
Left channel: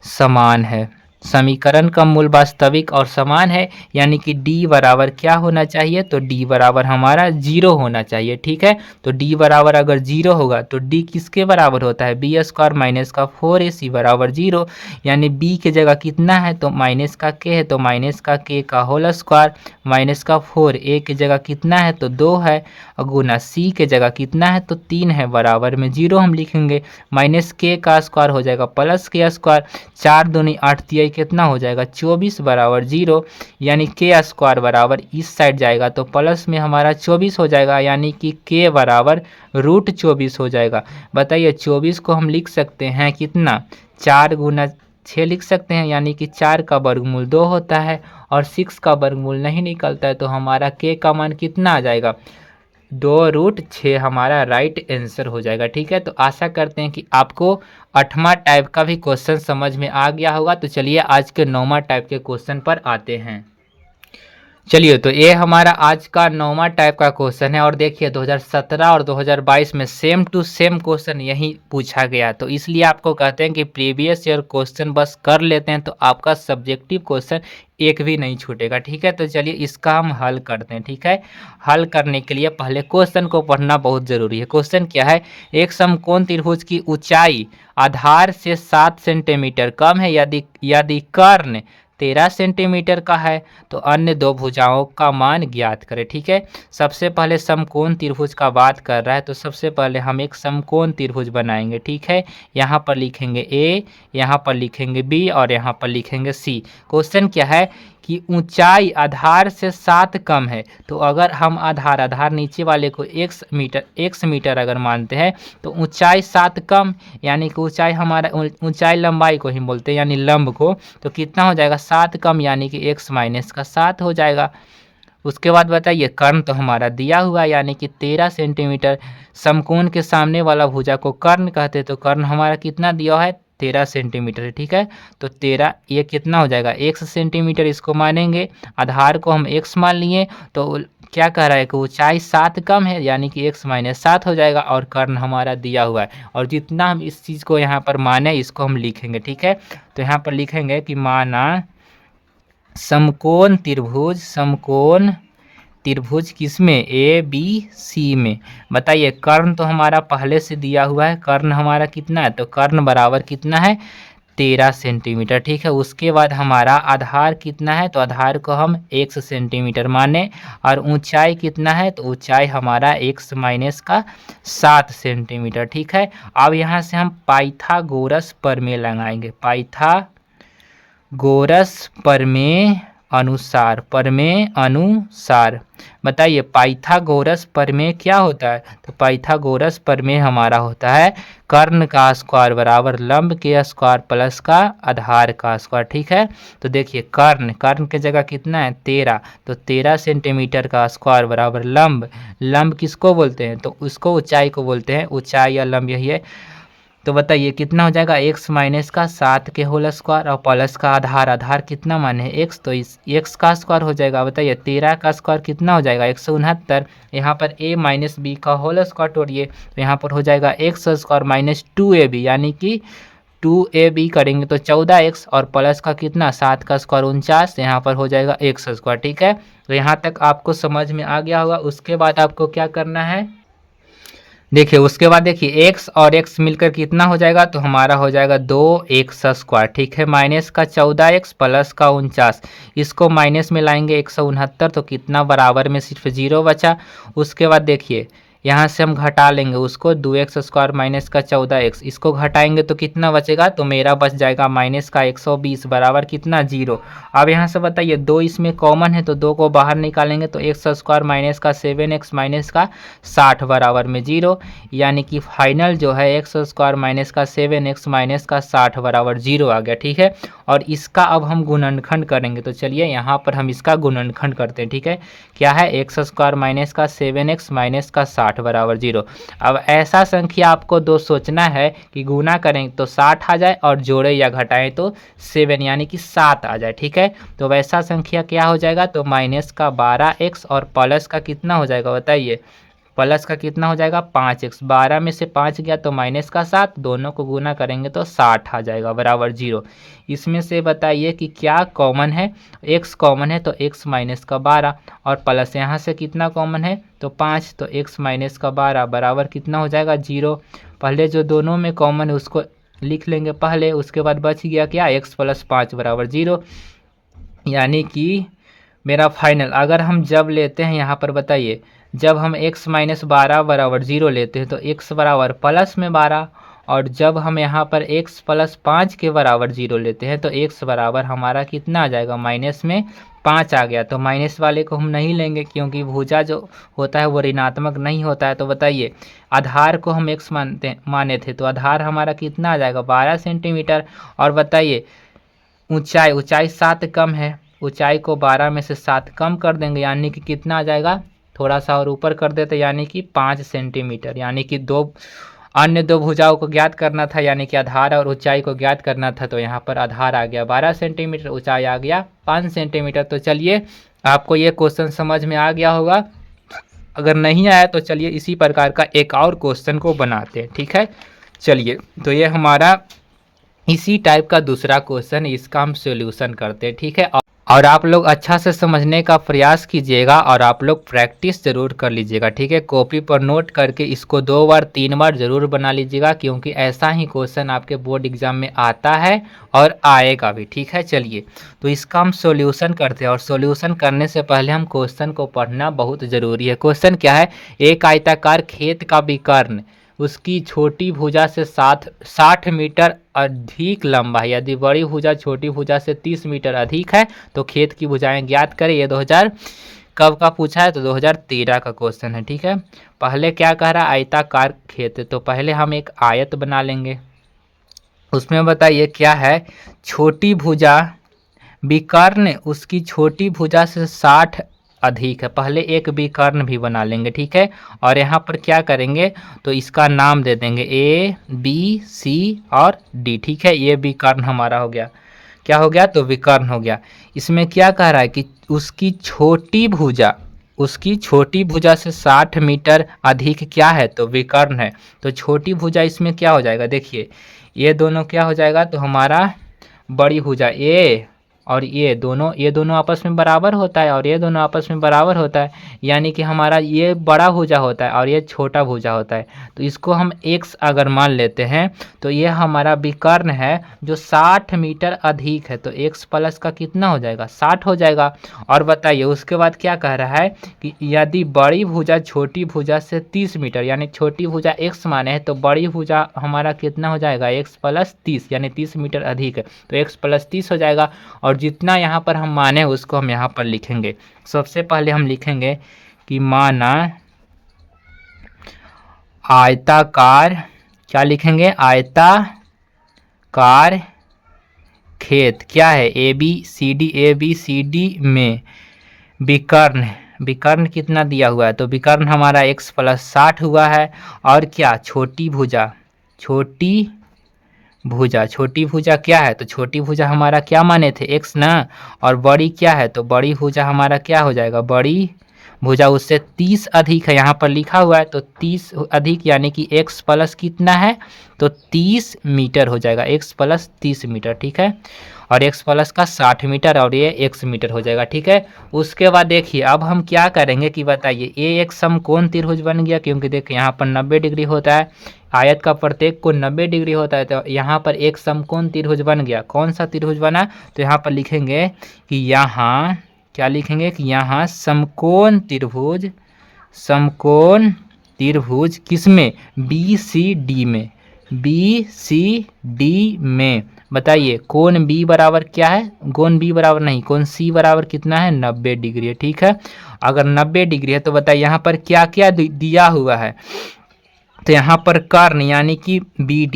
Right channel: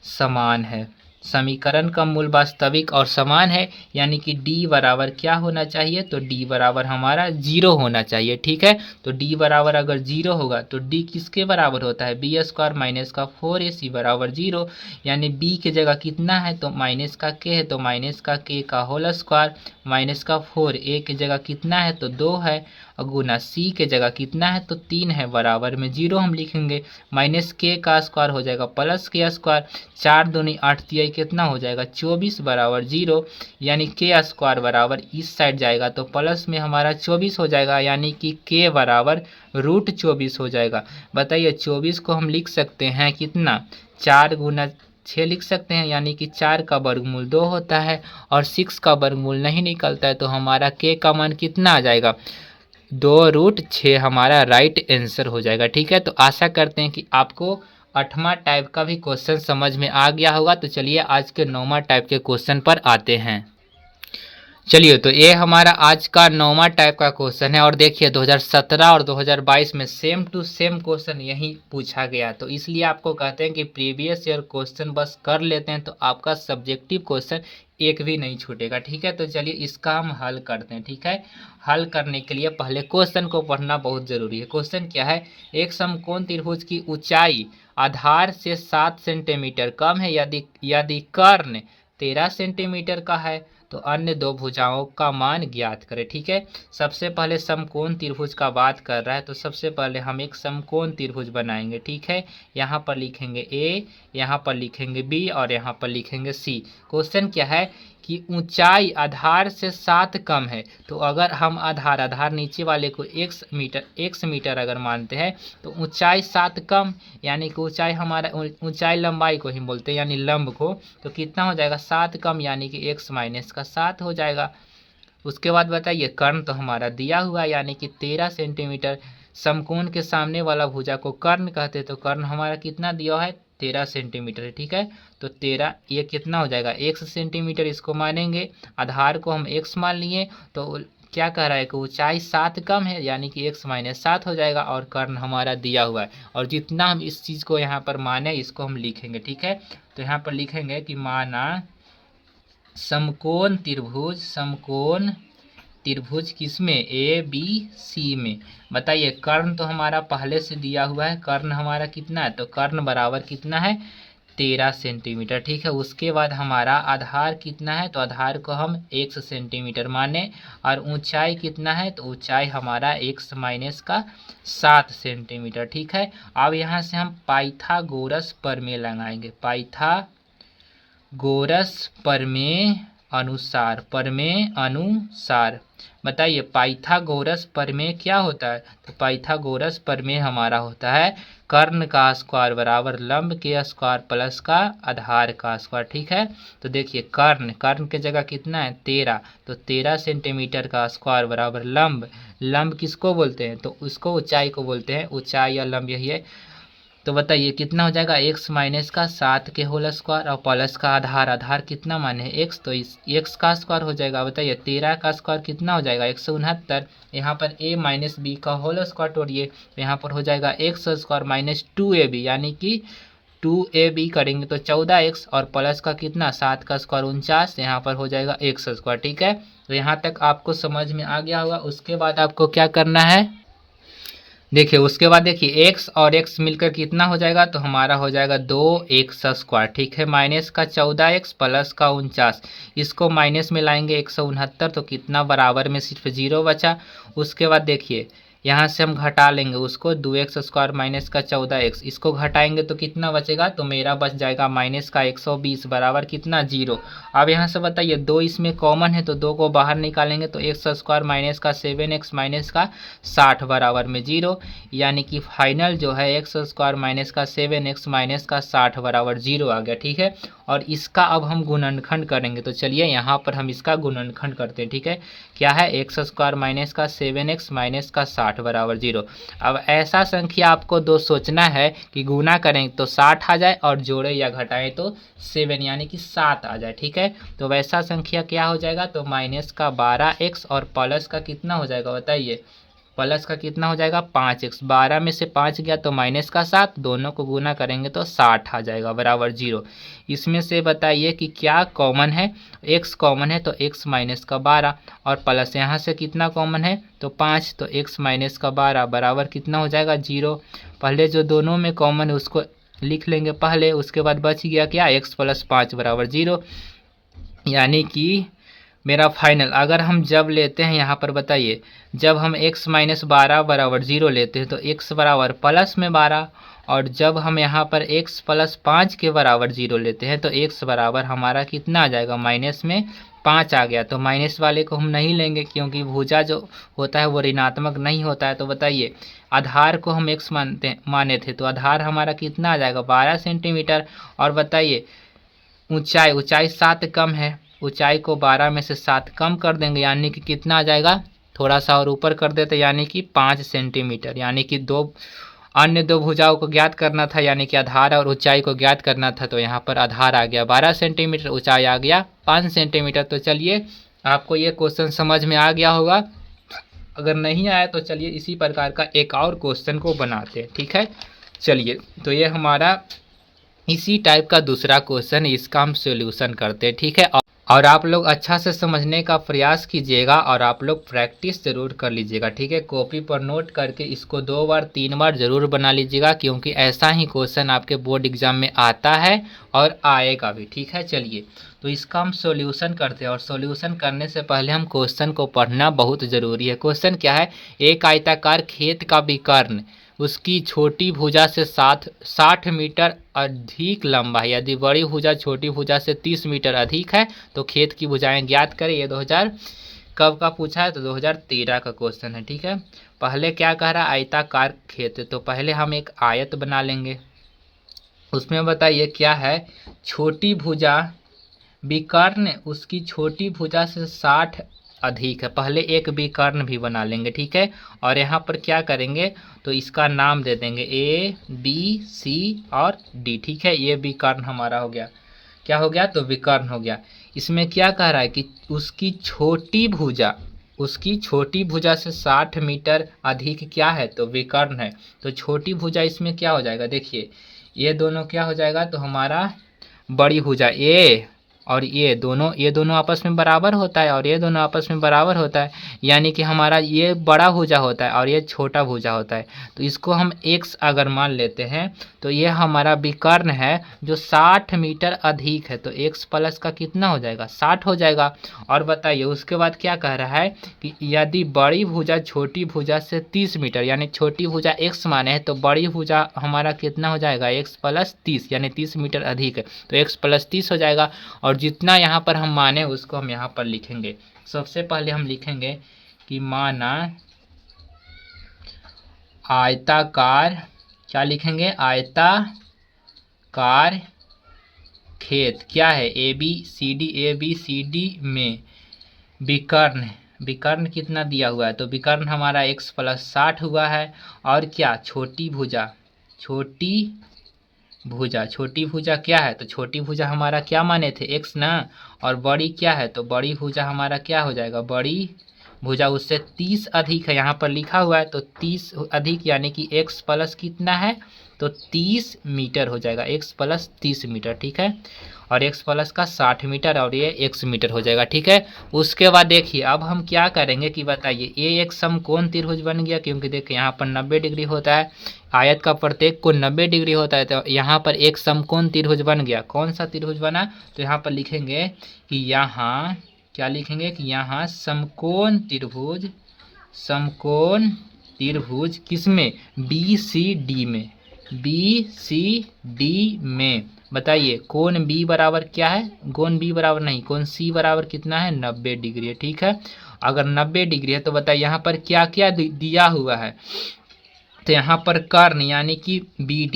समान है। समीकरण का मूल वास्तविक और समान है, यानी कि d बराबर क्या होना चाहिए, तो d बराबर हमारा 0 होना चाहिए। ठीक है, तो d बराबर अगर 0 होगा तो d किसके बराबर होता है, बी स्क्वायर माइनस का 4ac बराबर 0, यानी b की जगह कितना है, तो माइनस का k है, तो माइनस का k का होल स्क्वायर माइनस का 4, a की जगह कितना है, तो 2 है, और गुना c के जगह कितना है, तो 3 है, बराबर में 0 हम लिखेंगे, माइनस k का स्क्वायर हो जाएगा प्लस k स्क्वायर, 4 दूनी 8 तिहाई कितना हो जाएगा 24 बराबर 0, यानी के स्क्वायर बराबर इस साइड जाएगा तो प्लस में हमारा 24 हो जाएगा, यानी कि के बराबर √24 हो जाएगा। बताइए 24 को हम लिख सकते हैं कितना, 4 गुना 6 लिख सकते हैं, यानी कि 4 का वर्गमूल 2 होता है और 6 का वर्गमूल नहीं निकलता है, तो हमारा के का मान कितना आ जाएगा, 2√6 हमारा राइट आंसर हो जाएगा। ठीक है, तो आशा करते हैं कि आपको 8वां टाइप का भी क्वेश्चन समझ में आ गया होगा। तो चलिए आज के 9वां टाइप के क्वेश्चन पर आते हैं। चलिए, तो ये हमारा आज का 9वां टाइप का क्वेश्चन है, और देखिए 2017 और 2022 में सेम टू सेम क्वेश्चन यही पूछा गया, तो इसलिए आपको कहते हैं कि प्रीवियस ईयर क्वेश्चन बस कर लेते हैं तो आपका सब्जेक्टिव क्वेश्चन एक भी नहीं छूटेगा। ठीक है, तो चलिए इसका हम हल करते हैं। ठीक है, हल करने के लिए पहले क्वेश्चन को पढ़ना बहुत ज़रूरी है। क्वेश्चन क्या है, एक समकोण त्रिभुज की ऊंचाई आधार से 7 सेंटीमीटर कम है, यदि कर्ण 13 सेंटीमीटर का है तो अन्य दो भुजाओं का मान ज्ञात करें। ठीक है, सबसे पहले समकोण त्रिभुज का बात कर रहा है, तो सबसे पहले हम एक समकोण त्रिभुज बनाएंगे। ठीक है, यहाँ पर लिखेंगे a, यहाँ पर लिखेंगे b और यहाँ पर लिखेंगे c। क्वेश्चन क्या है कि ऊंचाई आधार से 7 कम है, तो अगर हम आधार नीचे वाले को x मीटर अगर मानते हैं तो ऊंचाई 7 कम, यानी कि ऊंचाई हमारा ऊंचाई लंबाई को ही बोलते हैं, यानी लंब को, तो कितना हो जाएगा 7 कम, यानी कि x माइनस का 7 हो जाएगा। उसके बाद बताइए कर्ण तो हमारा दिया हुआ है, यानी कि 13 सेंटीमीटर, समकोण के सामने वाला भुजा को कर्ण कहते हैं, तो कर्ण हमारा कितना दिया है 13 सेंटीमीटर। ठीक है, तो 13 ये कितना हो जाएगा x सेंटीमीटर, इसको मानेंगे, आधार को हम x मान लिए, तो क्या कह रहा है कि ऊंचाई 7 कम है, यानी कि x माइनस 7 हो जाएगा, और कर्ण हमारा दिया हुआ है, और जितना हम इस चीज़ को यहाँ पर माने इसको हम लिखेंगे। ठीक है, तो यहाँ पर लिखेंगे कि माना समकोण त्रिभुज, समकोण त्रिभुज किसमें, ए बी सी में। बताइए कर्ण तो हमारा पहले से दिया हुआ है, कर्ण हमारा कितना है, तो कर्ण बराबर कितना है 13 सेंटीमीटर। ठीक है, उसके बाद हमारा आधार कितना है, तो आधार को हम x सेंटीमीटर माने, और ऊंचाई कितना है, तो ऊंचाई हमारा x माइनस का 7 सेंटीमीटर। ठीक है, अब यहाँ से हम पाइथागोरस प्रमेय लगाएंगे, पाइथागोरस प्रमेय अनुसार। बताइए पाइथागोरस प्रमेय क्या होता है, तो पाइथागोरस प्रमेय हमारा होता है कर्ण का स्क्वायर बराबर लंब के स्क्वायर प्लस का आधार का स्क्वायर। ठीक है, तो देखिए कर्ण के जगह कितना है 13, तो 13 सेंटीमीटर का स्क्वायर बराबर लंब किसको बोलते हैं, तो उसको ऊंचाई को बोलते हैं, ऊंचाई या लंब यही है। तो बताइए कितना हो जाएगा x माइनस का 7 के होल स्क्वायर और प्लस का आधार कितना माने x, तो इस x का स्क्वायर हो जाएगा। बताइए 13 का स्क्वायर कितना हो जाएगा 169, यहाँ पर a माइनस बी का होल स्क्वायर तोड़िए, तो यहाँ पर हो जाएगा x स्क्वायर माइनस 2ab, यानी कि 2ab करेंगे तो 14x और प्लस का कितना 7 का स्क्वायर 49, यहाँ पर हो जाएगा x स्क्वायर। ठीक है, तो यहाँ तक आपको समझ में आ गया होगा। उसके बाद आपको क्या करना है, देखिए उसके बाद देखिए x और x मिलकर कितना हो जाएगा, तो हमारा हो जाएगा 2x स्क्वायर। ठीक है, माइनस का 14x प्लस का 49, इसको माइनस में लाएंगे 169, तो कितना बराबर में सिर्फ 0 बचा। उसके बाद देखिए यहाँ से हम घटा लेंगे उसको, 2x स्क्वायर माइनस का 14x, इसको घटाएंगे तो कितना बचेगा, तो मेरा बच जाएगा माइनस का 120 बराबर कितना 0। अब यहाँ से बताइए 2 इसमें कॉमन है, तो 2 को बाहर निकालेंगे तो x स्क्वायर माइनस का 7x माइनस का 60 बराबर में 0, यानी कि फाइनल जो है x स्क्वायर माइनस का 7x माइनस का 60 बराबर 0 आ गया। ठीक है, और इसका अब हम गुणनखंड करेंगे, तो चलिए यहाँ पर हम इसका गुणनखंड करते हैं। ठीक है, क्या है x स्क्वायर माइनस का 7x माइनस का 60 बराबर 0। अब ऐसा संख्या आपको दो सोचना है कि गुना करें तो 60 आ जाए और जोड़े या घटाएं तो 7 यानी कि 7 आ जाए। ठीक है, तो वैसा संख्या क्या हो जाएगा, तो माइनस का 12x और प्लस का कितना हो जाएगा, बताइए प्लस का कितना हो जाएगा 5x, 12 में से 5 गया तो माइनस का 7, दोनों को गुना करेंगे तो 60 आ जाएगा बराबर 0। इसमें से बताइए कि क्या कॉमन है, x कॉमन है तो x माइनस का 12 और प्लस यहाँ से कितना कॉमन है, तो 5, तो x माइनस का 12 बराबर कितना हो जाएगा 0। पहले जो दोनों में कॉमन है उसको लिख लेंगे पहले, उसके बाद बच गया क्या x प्लस 5 बराबर 0, यानी कि मेरा फाइनल अगर हम जब लेते हैं यहाँ पर बताइए, जब हम x माइनस 12 बराबर 0 लेते हैं तो x बराबर प्लस में 12, और जब हम यहाँ पर x प्लस 5 के बराबर 0 लेते हैं तो x बराबर हमारा कितना आ जाएगा माइनस में 5 आ गया। तो माइनस वाले को हम नहीं लेंगे क्योंकि भुजा जो होता है वो ऋणात्मक नहीं होता है। तो बताइए आधार को हम x माने थे, तो आधार हमारा कितना आ जाएगा 12 सेंटीमीटर। और बताइए ऊंचाई 7 कम है, ऊंचाई को 12 में से 7 कम कर देंगे यानी कि कितना आ जाएगा, थोड़ा सा और ऊपर कर देते यानी कि 5 सेंटीमीटर, यानी कि अन्य दो भुजाओं को ज्ञात करना था, यानी कि आधार और ऊंचाई को ज्ञात करना था। तो यहाँ पर आधार आ गया 12 सेंटीमीटर, ऊंचाई आ गया 5 सेंटीमीटर। तो चलिए आपको ये क्वेश्चन समझ में आ गया होगा, अगर नहीं आया तो चलिए इसी प्रकार का एक और क्वेश्चन को बनाते हैं। ठीक है, चलिए तो ये हमारा इसी टाइप का दूसरा क्वेश्चन, इसका हम सॉल्यूशन करते हैं। ठीक है, और आप लोग अच्छा से समझने का प्रयास कीजिएगा और आप लोग प्रैक्टिस ज़रूर कर लीजिएगा। ठीक है, कॉपी पर नोट करके इसको 2 बार 3 बार ज़रूर बना लीजिएगा, क्योंकि ऐसा ही क्वेश्चन आपके बोर्ड एग्जाम में आता है और आएगा भी। ठीक है, चलिए तो इसका हम सॉल्यूशन करते हैं, और सॉल्यूशन करने से पहले हम क्वेश्चन को पढ़ना बहुत ज़रूरी है। क्वेश्चन क्या है, एक आयताकार खेत का विकर्ण उसकी छोटी भुजा से 60 मीटर अधिक लंबा है, यदि बड़ी भुजा छोटी भुजा से 30 मीटर अधिक है तो खेत की भुजाएं ज्ञात करें। ये 2000 कब का पूछा है, तो 2013 का क्वेश्चन है। ठीक है, पहले क्या कह रहा है, आयताकार खेत है, तो पहले हम एक आयत बना लेंगे। उसमें बताइए क्या है, छोटी भुजा विकर्ण उसकी छोटी भुजा से 60 अधिक है, पहले एक विकर्ण भी बना लेंगे। ठीक है, और यहाँ पर क्या करेंगे, तो इसका नाम दे देंगे ए बी सी और डी। ठीक है, ये विकर्ण हमारा हो गया, क्या हो गया, तो विकर्ण हो गया। इसमें क्या कह रहा है कि उसकी छोटी भुजा से 60 मीटर अधिक क्या है, तो विकर्ण है। तो छोटी भुजा इसमें क्या हो जाएगा, देखिए ये दोनों क्या हो जाएगा, तो हमारा बड़ी भुजा ए और ये दोनों आपस में बराबर होता है और ये दोनों आपस में बराबर होता है, यानी कि हमारा ये बड़ा भुजा होता है और ये छोटा भुजा होता है। तो इसको हम x अगर मान लेते हैं तो ये हमारा विकर्ण है जो 60 मीटर अधिक है, तो x प्लस का कितना हो जाएगा 60 हो जाएगा। और बताइए उसके बाद क्या कह रहा है कि यदि बड़ी भुजा छोटी भुजा से 30 मीटर, यानी छोटी भुजा x माने है तो बड़ी भुजा हमारा कितना हो जाएगा x प्लस 30, यानी 30 मीटर अधिक है तो x प्लस 30 हो जाएगा। और जितना यहाँ पर हम माने उसको हम यहाँ पर लिखेंगे। सबसे पहले हम लिखेंगे कि माना आयताकार, क्या लिखेंगे आयताकार खेत क्या है ए बी सी डी में विकर्ण कितना दिया हुआ है, तो विकर्ण हमारा x प्लस 60 हुआ है। और क्या छोटी भुजा क्या है, तो छोटी भुजा हमारा क्या माने थे x ना, और बड़ी क्या है तो बड़ी भुजा हमारा क्या हो जाएगा बड़ी भुजा उससे 30 अधिक है, यहाँ पर लिखा हुआ है तो 30 अधिक यानी कि x प्लस कितना है तो 30 मीटर हो जाएगा, x प्लस 30 मीटर ठीक है। और x प्लस का 60 मीटर और ये x मीटर हो जाएगा ठीक है। उसके बाद देखिए अब हम क्या करेंगे कि बताइए ये एक समकोण त्रिभुज बन गया, क्योंकि देखिए यहाँ पर 90 डिग्री होता है, आयत का प्रत्येक को 90 डिग्री होता है, तो यहाँ पर एक समकोण त्रिभुज बन गया। कौन सा त्रिभुज बना, तो यहाँ पर लिखेंगे कि यहाँ क्या लिखेंगे कि यहाँ समकोण त्रिभुज किसमें बी सी डी में बताइए कोण B बराबर क्या है, कोण B बराबर नहीं, कोण C बराबर कितना है 90 डिग्री है ठीक है। अगर 90 डिग्री है तो बताइए यहाँ पर क्या क्या दिया हुआ है, तो यहाँ पर कर्ण यानी कि बी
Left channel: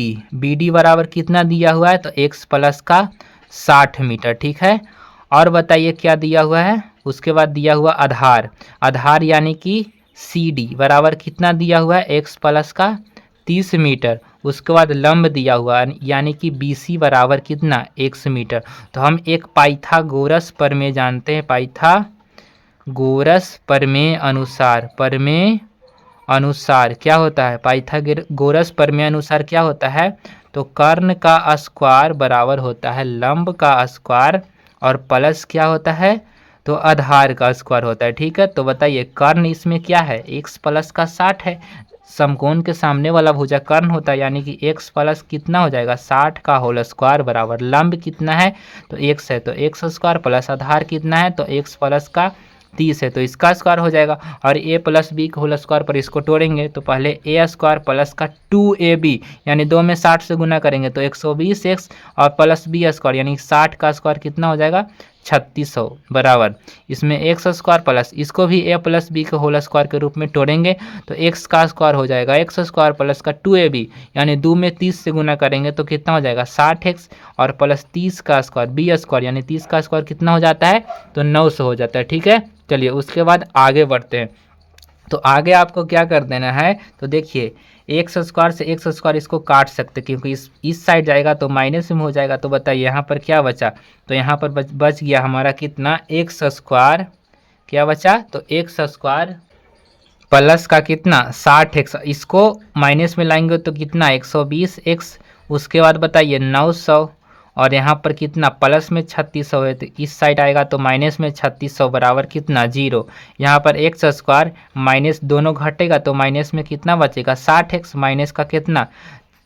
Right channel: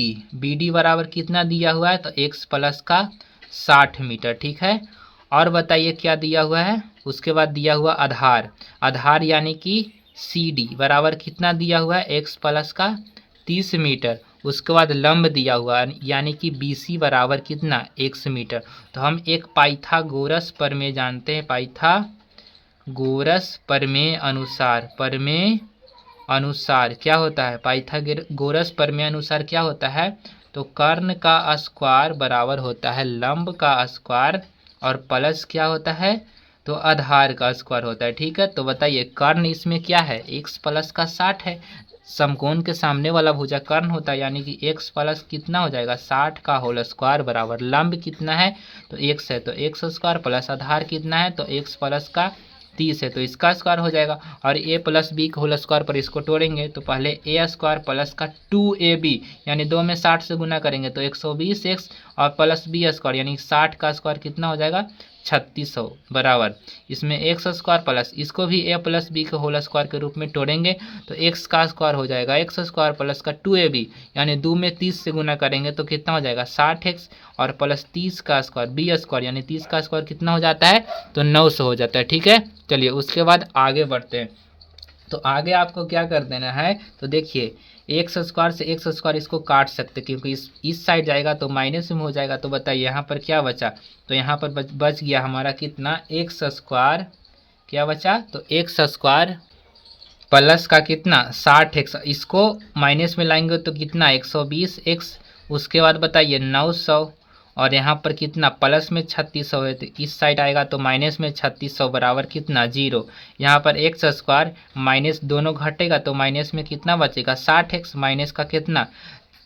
डी बराबर कितना दिया हुआ है तो x प्लस का 60 मीटर ठीक है। और बताइए क्या दिया हुआ है, उसके बाद दिया हुआ आधार यानी कि सी डी बराबर कितना दिया हुआ है x प्लस का 30 मीटर। उसके बाद लंब दिया हुआ यानी कि बी सी बराबर कितना x मीटर। तो हम एक पाइथागोरस प्रमेय जानते हैं, पाइथागोरस प्रमेय अनुसार क्या होता है, पाइथागोरस प्रमेय अनुसार क्या होता है, तो कर्ण का स्क्वायर बराबर होता है लंब का स्क्वायर और प्लस क्या होता है तो आधार का स्क्वायर होता है ठीक है। तो बताइए कर्ण इसमें क्या है x प्लस का 60 है, समकोण के सामने वाला भुजा कर्ण होता है, यानी कि x प्लस कितना हो जाएगा 60 का होल स्क्वायर बराबर लंब कितना है तो x है, तो x स्क्वायर प्लस आधार कितना है तो x प्लस का 30 है तो इसका स्क्वायर हो जाएगा। और a प्लस बी का होल स्क्वायर पर इसको तोड़ेंगे तो पहले a स्क्वायर प्लस का 2ab यानी 2 में 60 से गुना करेंगे तो 120x और प्लस बी स्क्वायर यानी 60 का स्क्वायर कितना हो जाएगा 3600 बराबर इसमें x स्क्वायर प्लस इसको भी a प्लस बी के होल स्क्वायर के रूप में तोड़ेंगे तो x का स्क्वायर हो जाएगा x स्क्वायर प्लस का 2ab यानी 2 में 30 से गुना करेंगे तो कितना हो जाएगा 60x और प्लस 30 का स्क्वायर बी स्क्वायर यानी 30 का स्क्वायर कितना हो जाता है तो 900 हो जाता है ठीक है। चलिए उसके बाद आगे बढ़ते हैं, तो आगे आपको क्या कर देना है, तो देखिए एक्स स्क्वायर से एक्स स्क्वायर इसको काट सकते क्योंकि इस साइड जाएगा तो माइनस में हो जाएगा। तो बताइए यहाँ पर क्या बचा, तो यहाँ पर बच गया हमारा कितना एक्स स्क्वायर, क्या बचा तो एक्स स्क्वायर प्लस का कितना 60x, इसको माइनस में लाएंगे तो कितना 120x। उसके बाद बताइए 900 और यहाँ पर कितना प्लस में 3600 है तो इस साइड आएगा तो माइनस में 3600 बराबर कितना 0। यहाँ पर एक्स स्क्वायर माइनस दोनों घटेगा तो माइनस में कितना बचेगा 60x माइनस का कितना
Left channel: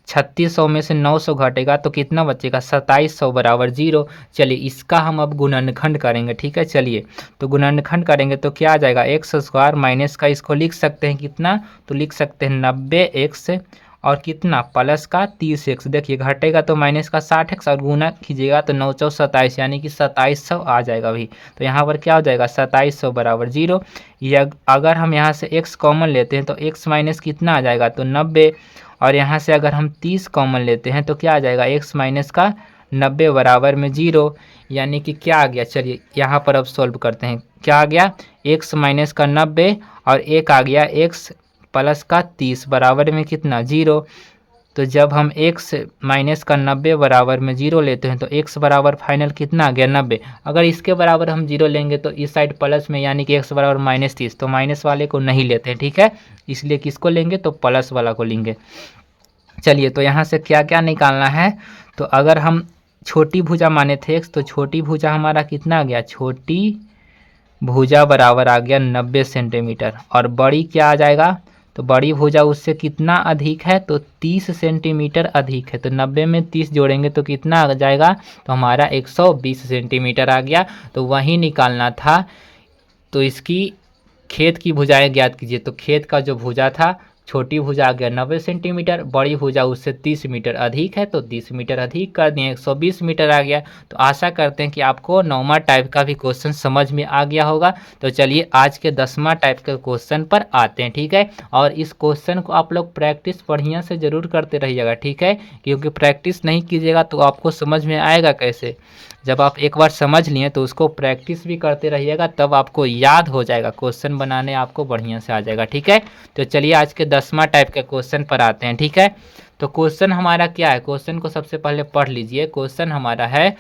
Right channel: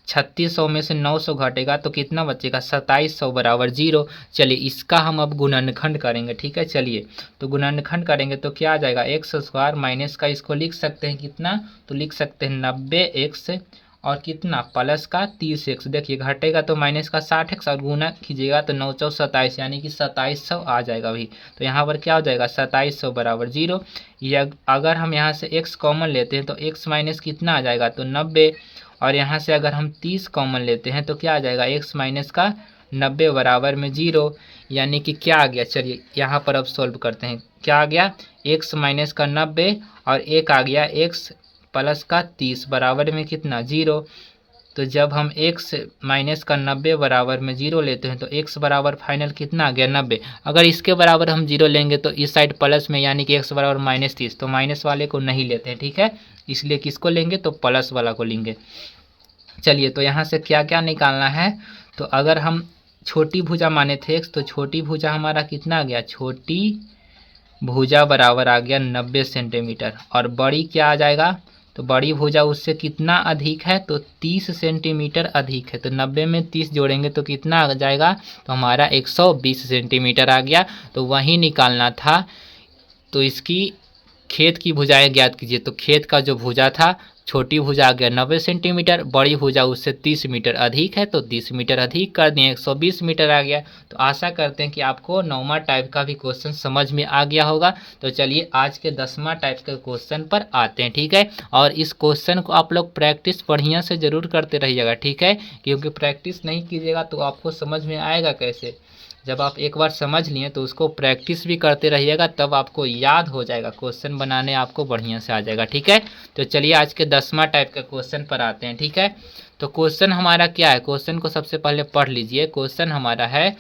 3600 में से 900 घटेगा तो कितना बचेगा 2700 बराबर 0। चलिए इसका हम अब गुणनखंड करेंगे ठीक है। चलिए तो गुणनखंड करेंगे तो क्या आ जाएगा एक्स स्क्वायर माइनस का इसको लिख सकते हैं कितना, तो लिख सकते हैं 90x और कितना प्लस का 30x। देखिए घटेगा तो माइनस का 60x और गुना कीजिएगा तो 9 चौ 27 यानी कि 2700 आ जाएगा अभी। तो यहाँ पर क्या हो जाएगा 2700 बराबर 0। ये अगर हम यहाँ से x कॉमन लेते हैं तो x माइनस कितना आ जाएगा तो 90 और यहाँ से अगर हम 30 कॉमन लेते हैं तो क्या आ जाएगा x माइनस का 90 बराबर में 0 यानी कि क्या आ गया। चलिए यहाँ पर अब सॉल्व करते हैं, क्या आ गया x माइनस का 90 और एक आ गया x प्लस का 30 बराबर में कितना 0। तो जब हम x माइनस का 90 बराबर में 0 लेते हैं तो x बराबर फाइनल कितना आ गया 90। अगर इसके बराबर हम 0 लेंगे तो इस साइड प्लस में यानी कि x बराबर माइनस 30, तो माइनस वाले को नहीं लेते हैं ठीक है, इसलिए किसको लेंगे तो प्लस वाला को लेंगे। चलिए तो यहाँ से क्या क्या निकालना है, तो अगर हम छोटी भुजा माने थे x, तो छोटी भुजा हमारा कितना आ गया, छोटी भुजा बराबर आ गया 90 सेंटीमीटर। और बड़ी क्या आ जाएगा, तो बड़ी भुजा उससे कितना अधिक है, तो 30 सेंटीमीटर अधिक है। तो 90 में 30 जोड़ेंगे तो कितना आ जाएगा, तो हमारा 120 सेंटीमीटर आ गया। तो वही निकालना था। तो इसकी खेत की भुजाएं ज्ञात कीजिए। तो खेत का जो भुजा था, छोटी भुजा आ गया 90 सेंटीमीटर, बड़ी भुजा उससे 30 मीटर अधिक है, तो 30 मीटर अधिक कर दिए 120 मीटर आ गया। तो आशा करते हैं कि आपको 9वां टाइप का भी क्वेश्चन समझ में आ गया होगा। तो चलिए आज के 10वां टाइप के क्वेश्चन पर आते हैं, ठीक है। और इस क्वेश्चन को आप लोग प्रैक्टिस बढ़िया से ज़रूर करते रहिएगा, ठीक है, क्योंकि प्रैक्टिस नहीं कीजिएगा तो आपको समझ में आएगा कैसे। जब आप एक बार समझ लिए तो उसको प्रैक्टिस भी करते रहिएगा, तब आपको याद हो जाएगा, क्वेश्चन बनाने आपको बढ़िया से आ जाएगा, ठीक है। तो चलिए आज के 10वां टाइप के क्वेश्चन पर आते हैं, ठीक है। तो क्वेश्चन हमारा क्या है, क्वेश्चन को सबसे पहले पढ़ लीजिए। क्वेश्चन हमारा है,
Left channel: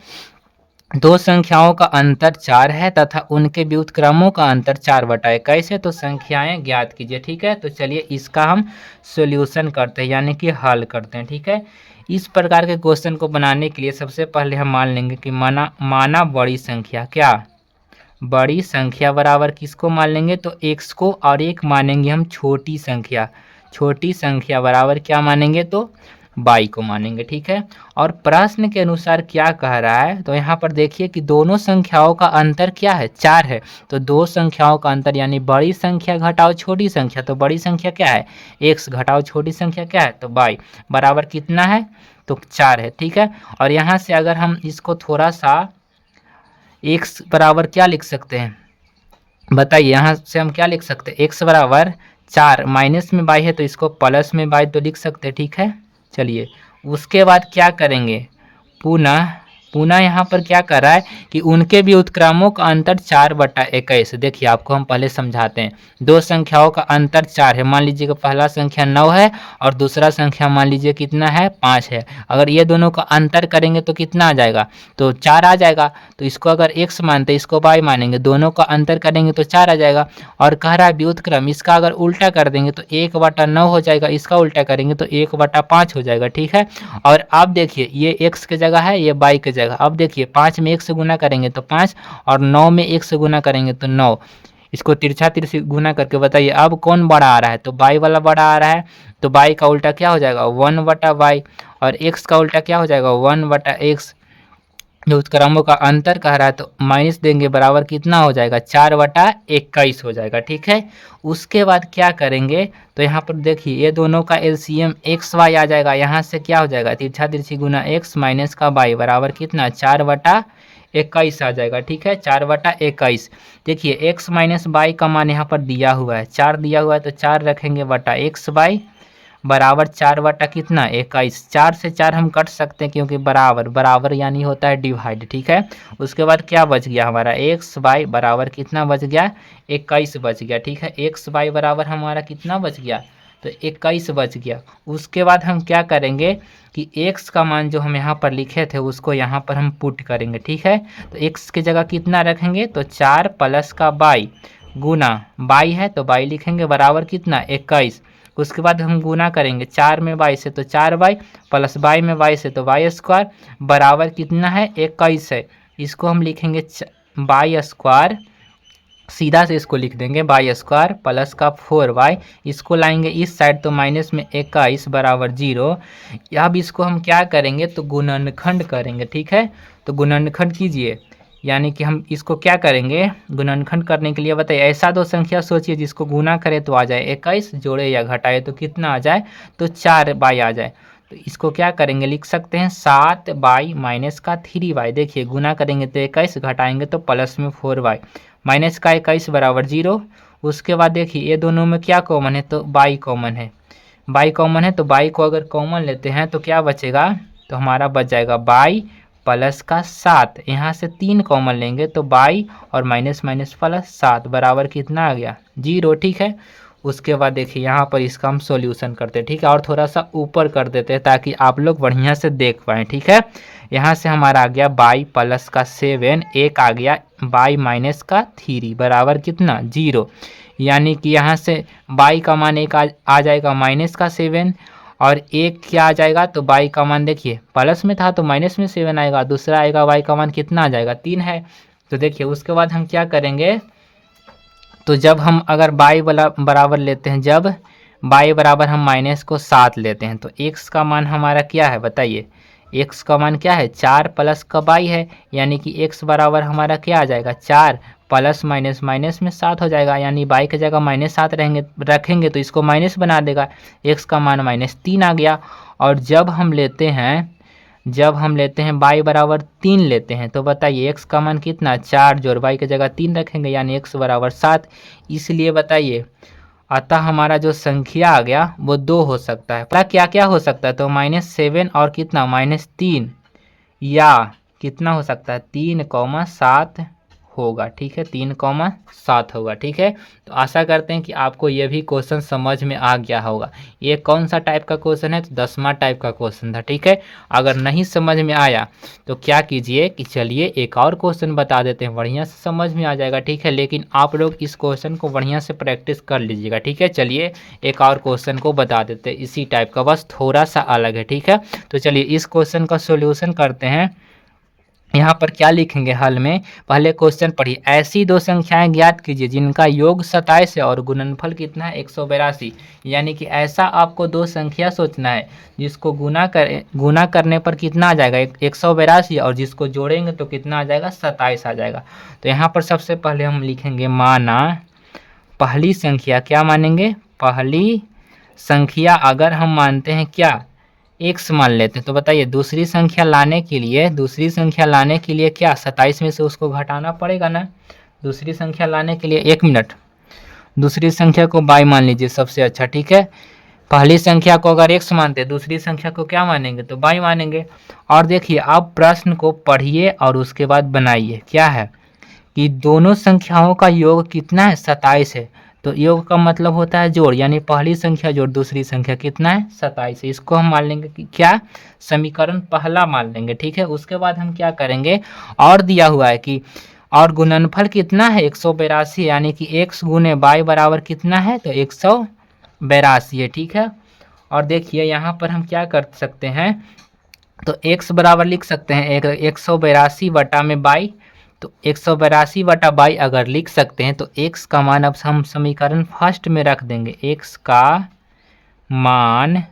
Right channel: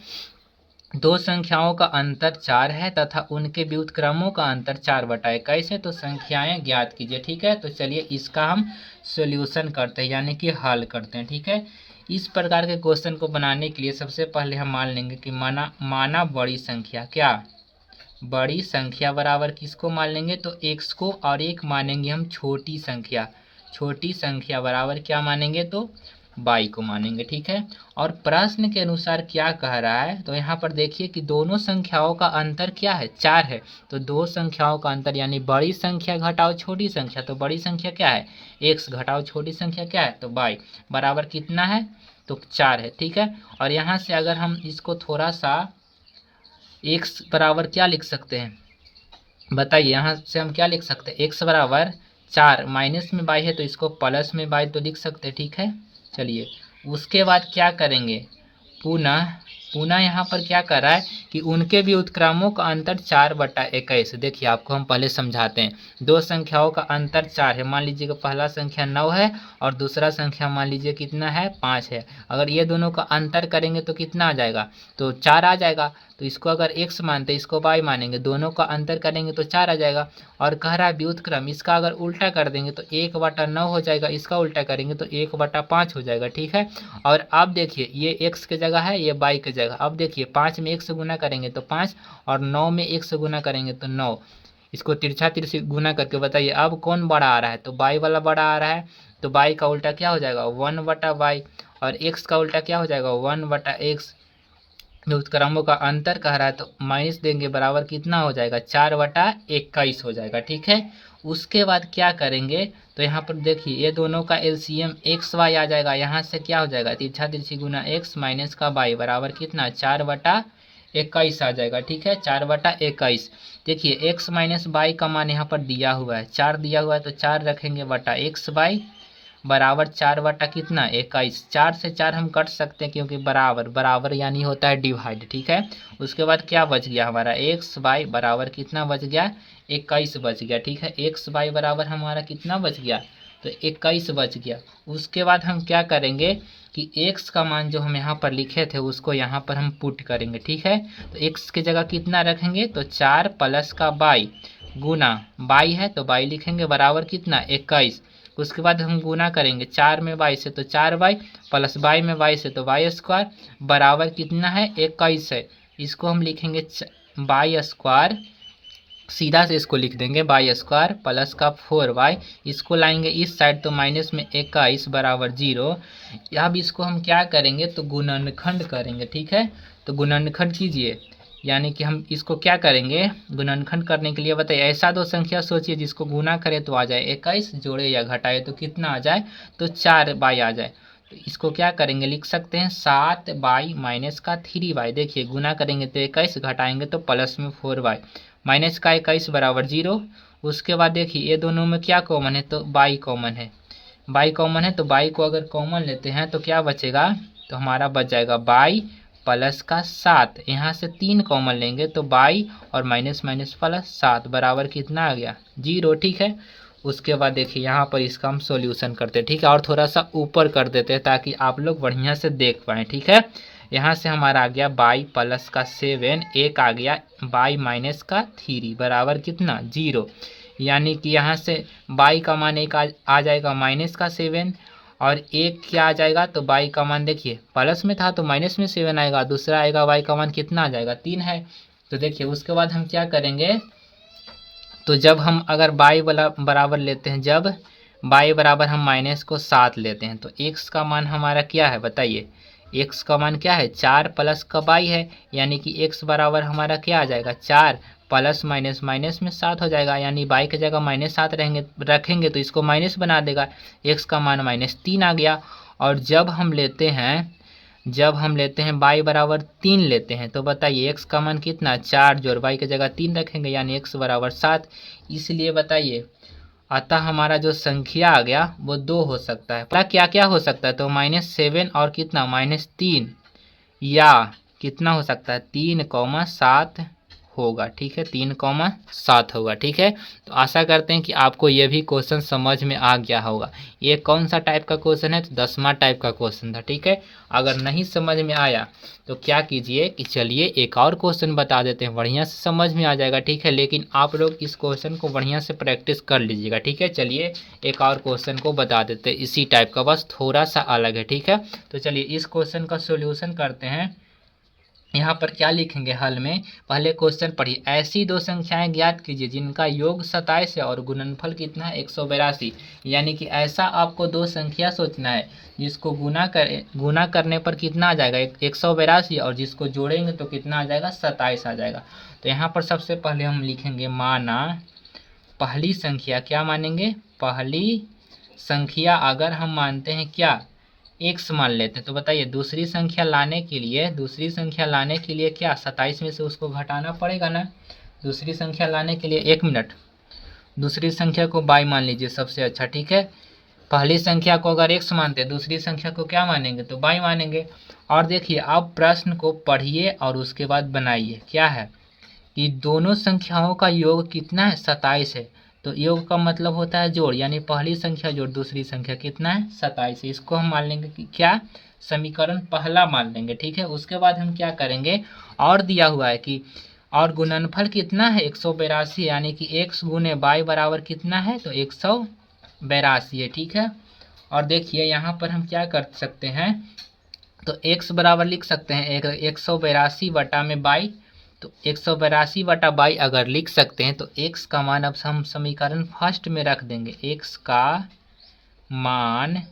दो संख्याओं का अंतर 4 है तथा उनके व्युत्क्रमों का अंतर 4/21 है, तो संख्याएं ज्ञात कीजिए, ठीक है। तो चलिए इसका हम सॉल्यूशन करते हैं, यानी कि हल करते हैं, ठीक है। इस प्रकार के क्वेश्चन को बनाने के लिए सबसे पहले हम मान लेंगे कि माना बड़ी संख्या, क्या बड़ी संख्या बराबर किसको मान लेंगे, तो x को, और एक मानेंगे हम छोटी संख्या। छोटी संख्या बराबर क्या मानेंगे, तो y को मानेंगे, ठीक है। और प्रश्न के अनुसार क्या कह रहा है, तो यहाँ पर देखिए कि दोनों संख्याओं का अंतर क्या है, 4 है। तो दो संख्याओं का अंतर यानी बड़ी संख्या घटाओ छोटी संख्या, तो बड़ी संख्या क्या है, x घटाओ छोटी संख्या क्या है, तो y बराबर कितना है, तो 4 है, ठीक है। और यहाँ से अगर हम इसको थोड़ा सा x बराबर क्या लिख सकते हैं, बताइए। यहाँ से हम क्या लिख सकते हैं, x बराबर 4, माइनस में y है तो इसको प्लस में y तो लिख सकते हैं, ठीक है। चलिए उसके बाद क्या करेंगे, पुनः यहाँ पर क्या कर रहा है कि उनके व्युत्क्रमों का अंतर 4/21। देखिए आपको हम पहले समझाते हैं। दो संख्याओं का अंतर 4 है, मान लीजिए कि पहला संख्या 9 है और दूसरा संख्या मान लीजिए कितना है, 5 है। अगर ये दोनों का अंतर करेंगे तो कितना आ जाएगा, तो 4 आ जाएगा। तो इसको अगर x मानते इसको y मानेंगे, दोनों का अंतर करेंगे तो 4 आ जाएगा। और कह रहा है व्युत्क्रम, इसका अगर उल्टा कर देंगे तो 1/9 हो जाएगा, इसका उल्टा करेंगे तो 1/5 हो जाएगा, ठीक है। और अब देखिए ये x की जगह है, ये y की जगह। अब देखिए 5 में 1 से गुना करेंगे तो 5, और 9 में 1 से गुना करेंगे तो 9। इसको तिरछा तिरछी गुना करके बताइए अब कौन बड़ा आ रहा है, तो y वाला बड़ा आ रहा है। तो y का उल्टा क्या हो जाएगा, 1/y। और x का उल्टा क्या हो जाएगा, 1/x। व्युत्क्रमों का अंतर कह रहा है तो माइनस देंगे, बराबर कितना हो जाएगा, 4/21 हो जाएगा, ठीक है। उसके बाद क्या करेंगे, तो यहाँ पर देखिए ये दोनों का एलसीएम xy आ जाएगा। यहाँ से क्या हो जाएगा, तिरछा तिरछी गुना x माइनस का y बराबर कितना, 4/21 आ जाएगा, ठीक है। 4/21। देखिए x माइनस y का मान यहाँ पर दिया हुआ है, 4 दिया हुआ है, तो 4 रखेंगे बटा xy बराबर 4 कितना, 21। 4 से 4 हम कट सकते हैं क्योंकि बराबर यानी होता है डिवाइड, ठीक है। उसके बाद क्या बच गया हमारा, एक्स वाई बराबर कितना बच गया, 21 बच गया, ठीक है। एक्स वाई बराबर हमारा कितना बच गया, तो 21 बच गया। उसके बाद हम क्या करेंगे कि x का मान जो हम यहाँ पर लिखे थे उसको यहाँ पर हम पुट करेंगे, ठीक है। तो x की जगह कितना रखेंगे, तो 4 प्लस का y गुना y है तो y लिखेंगे बराबर कितना, 21। उसके बाद हम गुना करेंगे 4 में y से तो 4y प्लस y में y से तो y स्क्वायर बराबर कितना है, 21 है। इसको हम लिखेंगे y स्क्वायर, सीधा से इसको लिख देंगे y स्क्वायर प्लस का 4y। इसको लाएंगे इस साइड तो माइनस में 21 बराबर 0। अब इसको हम क्या करेंगे, तो गुणनखंड करेंगे, ठीक है। तो गुणनखंड कीजिए, यानी कि हम इसको क्या करेंगे, गुणनखंड करने के लिए बताइए। ऐसा दो संख्या सोचिए जिसको गुना करे तो आ जाए 21, जोड़े या घटाए तो कितना आ जाए, तो 4y आ जाए। तो इसको क्या करेंगे, लिख सकते हैं 7y माइनस का 3y। देखिए गुना करेंगे तो 21, घटाएंगे तो प्लस में 4y, माइनस का 21 बराबर 0। उसके बाद देखिए ये दोनों में क्या कॉमन है, तो y कॉमन है। y कॉमन है तो y को अगर कॉमन लेते हैं तो क्या बचेगा, तो हमारा बच जाएगा y प्लस का 7। यहाँ से 3 कॉमन लेंगे तो y और माइनस माइनस प्लस 7 बराबर कितना आ गया, 0, ठीक है। उसके बाद देखिए यहाँ पर इसका हम सॉल्यूशन करते हैं, ठीक है। और थोड़ा सा ऊपर कर देते हैं ताकि आप लोग बढ़िया से देख पाएँ, ठीक है। यहाँ से हमारा आ गया y प्लस का 7, एक आ गया y माइनस का 3 बराबर कितना, 0। यानी कि यहाँ से y का मान एक आ जाएगा माइनस का 7, और एक क्या आ जाएगा, तो y का मान देखिए प्लस में था तो माइनस में 7 आएगा, दूसरा आएगा y का मान कितना आ जाएगा 3 है। तो देखिए उसके बाद हम क्या करेंगे, तो जब हम अगर y बराबर लेते हैं, जब y बराबर हम माइनस को 7 लेते हैं तो x का मान हमारा क्या है बताइए, x का मान क्या है 4 प्लस का y है, यानी कि x बराबर हमारा क्या आ जाएगा 4 प्लस माइनस माइनस में 7 हो जाएगा, यानी y की जगह -7 रखेंगे तो इसको माइनस बना देगा, x का मान -3 आ गया। और जब हम लेते हैं y बराबर 3 लेते हैं तो बताइए x का मान कितना 4 जोड़ y की जगह 3 रखेंगे, यानी x बराबर 7। इसलिए बताइए अतः हमारा जो संख्या आ गया वो 2 हो सकता है। पता क्या क्या हो सकता है, तो -7 और कितना -3, या कितना हो सकता है 3,7 होगा। ठीक है, 3,7 होगा। ठीक है, तो आशा करते हैं कि आपको ये भी क्वेश्चन समझ में आ गया होगा। ये कौन सा टाइप का क्वेश्चन है, तो 10वां टाइप का क्वेश्चन था। ठीक है, अगर नहीं समझ में आया तो क्या कीजिए कि चलिए एक और क्वेश्चन बता देते हैं, बढ़िया से समझ में आ जाएगा। ठीक है, लेकिन आप लोग इस क्वेश्चन को बढ़िया से प्रैक्टिस कर लीजिएगा। ठीक है, चलिए एक और क्वेश्चन को बता देते हैं इसी टाइप का, बस थोड़ा सा अलग है। ठीक है, तो चलिए इस क्वेश्चन का सोल्यूशन करते हैं। यहाँ पर क्या लिखेंगे हल में, पहले क्वेश्चन पढ़िए। ऐसी दो संख्याएं ज्ञात कीजिए जिनका योग 27 है और गुणनफल कितना है 182। यानी कि ऐसा आपको दो संख्या सोचना है जिसको गुना करने पर कितना आ जाएगा 182, और जिसको जोड़ेंगे तो कितना आ जाएगा 27 आ जाएगा। तो यहाँ पर सबसे पहले हम लिखेंगे माना पहली संख्या, क्या मानेंगे पहली संख्या अगर हम मानते हैं क्या x मान लेते हैं, तो बताइए दूसरी संख्या लाने के लिए क्या 27 में से उसको घटाना पड़ेगा ना। दूसरी संख्या लाने के लिए 1 मिनट, दूसरी संख्या को y मान लीजिए सबसे अच्छा। ठीक है, पहली संख्या को अगर x मानते हैं, दूसरी संख्या को क्या मानेंगे तो y मानेंगे। और देखिए आप प्रश्न को पढ़िए और उसके बाद बनाइए। क्या है कि दोनों संख्याओं का योग कितना है 27 है, तो योग का मतलब होता है जोड़, यानी पहली संख्या जोड़ दूसरी संख्या कितना है 27 है। इसको हम मान लेंगे कि क्या समीकरण पहला मान लेंगे। ठीक है, उसके बाद हम क्या करेंगे, और दिया हुआ है कि और गुणनफल कितना है 182, यानी कि x गुने y बराबर कितना है तो 182 है। ठीक है, और देखिए यहाँ पर हम क्या कर सकते हैं, तो x बराबर लिख सकते हैं 182 बटा में y, तो 182 बटा बाई अगर लिख सकते हैं तो x का मान अब हम समीकरण फर्स्ट में रख देंगे। x का मान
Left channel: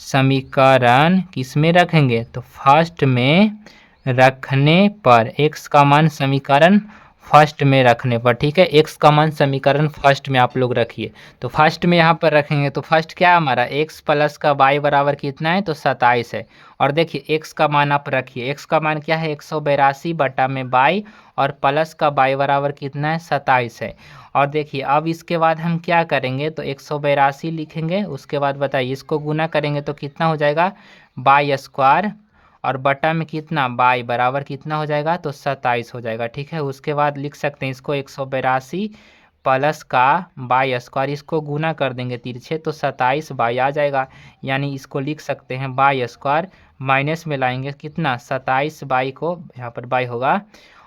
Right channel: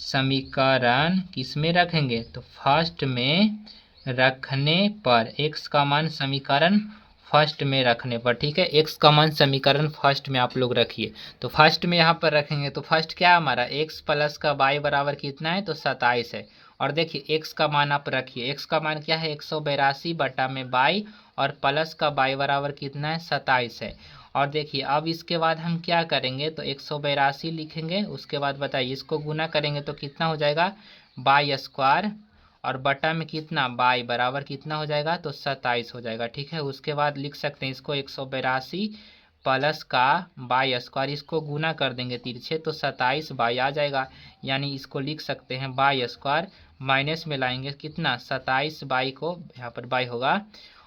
समीकरण किस में रखेंगे, तो फर्स्ट में रखने पर, x का मान समीकरण फर्स्ट में रखने पर। ठीक है, x का मान समीकरण फर्स्ट में आप लोग रखिए। तो फर्स्ट में यहाँ पर रखेंगे तो फर्स्ट क्या हमारा x प्लस का y बराबर कितना है तो 27 है। और देखिए x का मान आप रखिए, x का मान क्या है 182 बटा में y, और प्लस का y बराबर कितना है 27 है। और देखिए अब इसके बाद हम क्या करेंगे, तो 182 लिखेंगे, उसके बाद बताइए इसको गुना करेंगे तो कितना हो जाएगा बाई स्क्वायर, और बटा में कितना बाई बराबर कितना हो जाएगा तो 27 हो जाएगा। ठीक है, उसके बाद लिख सकते हैं इसको 182 प्लस का बाई स्क्वायर, इसको गुना कर देंगे तिरछे तो 27 बाई आ जाएगा, यानी इसको लिख सकते हैं बाई स्क्वायर, माइनस में लाएंगे कितना 27 बाई को यहाँ पर बाई होगा,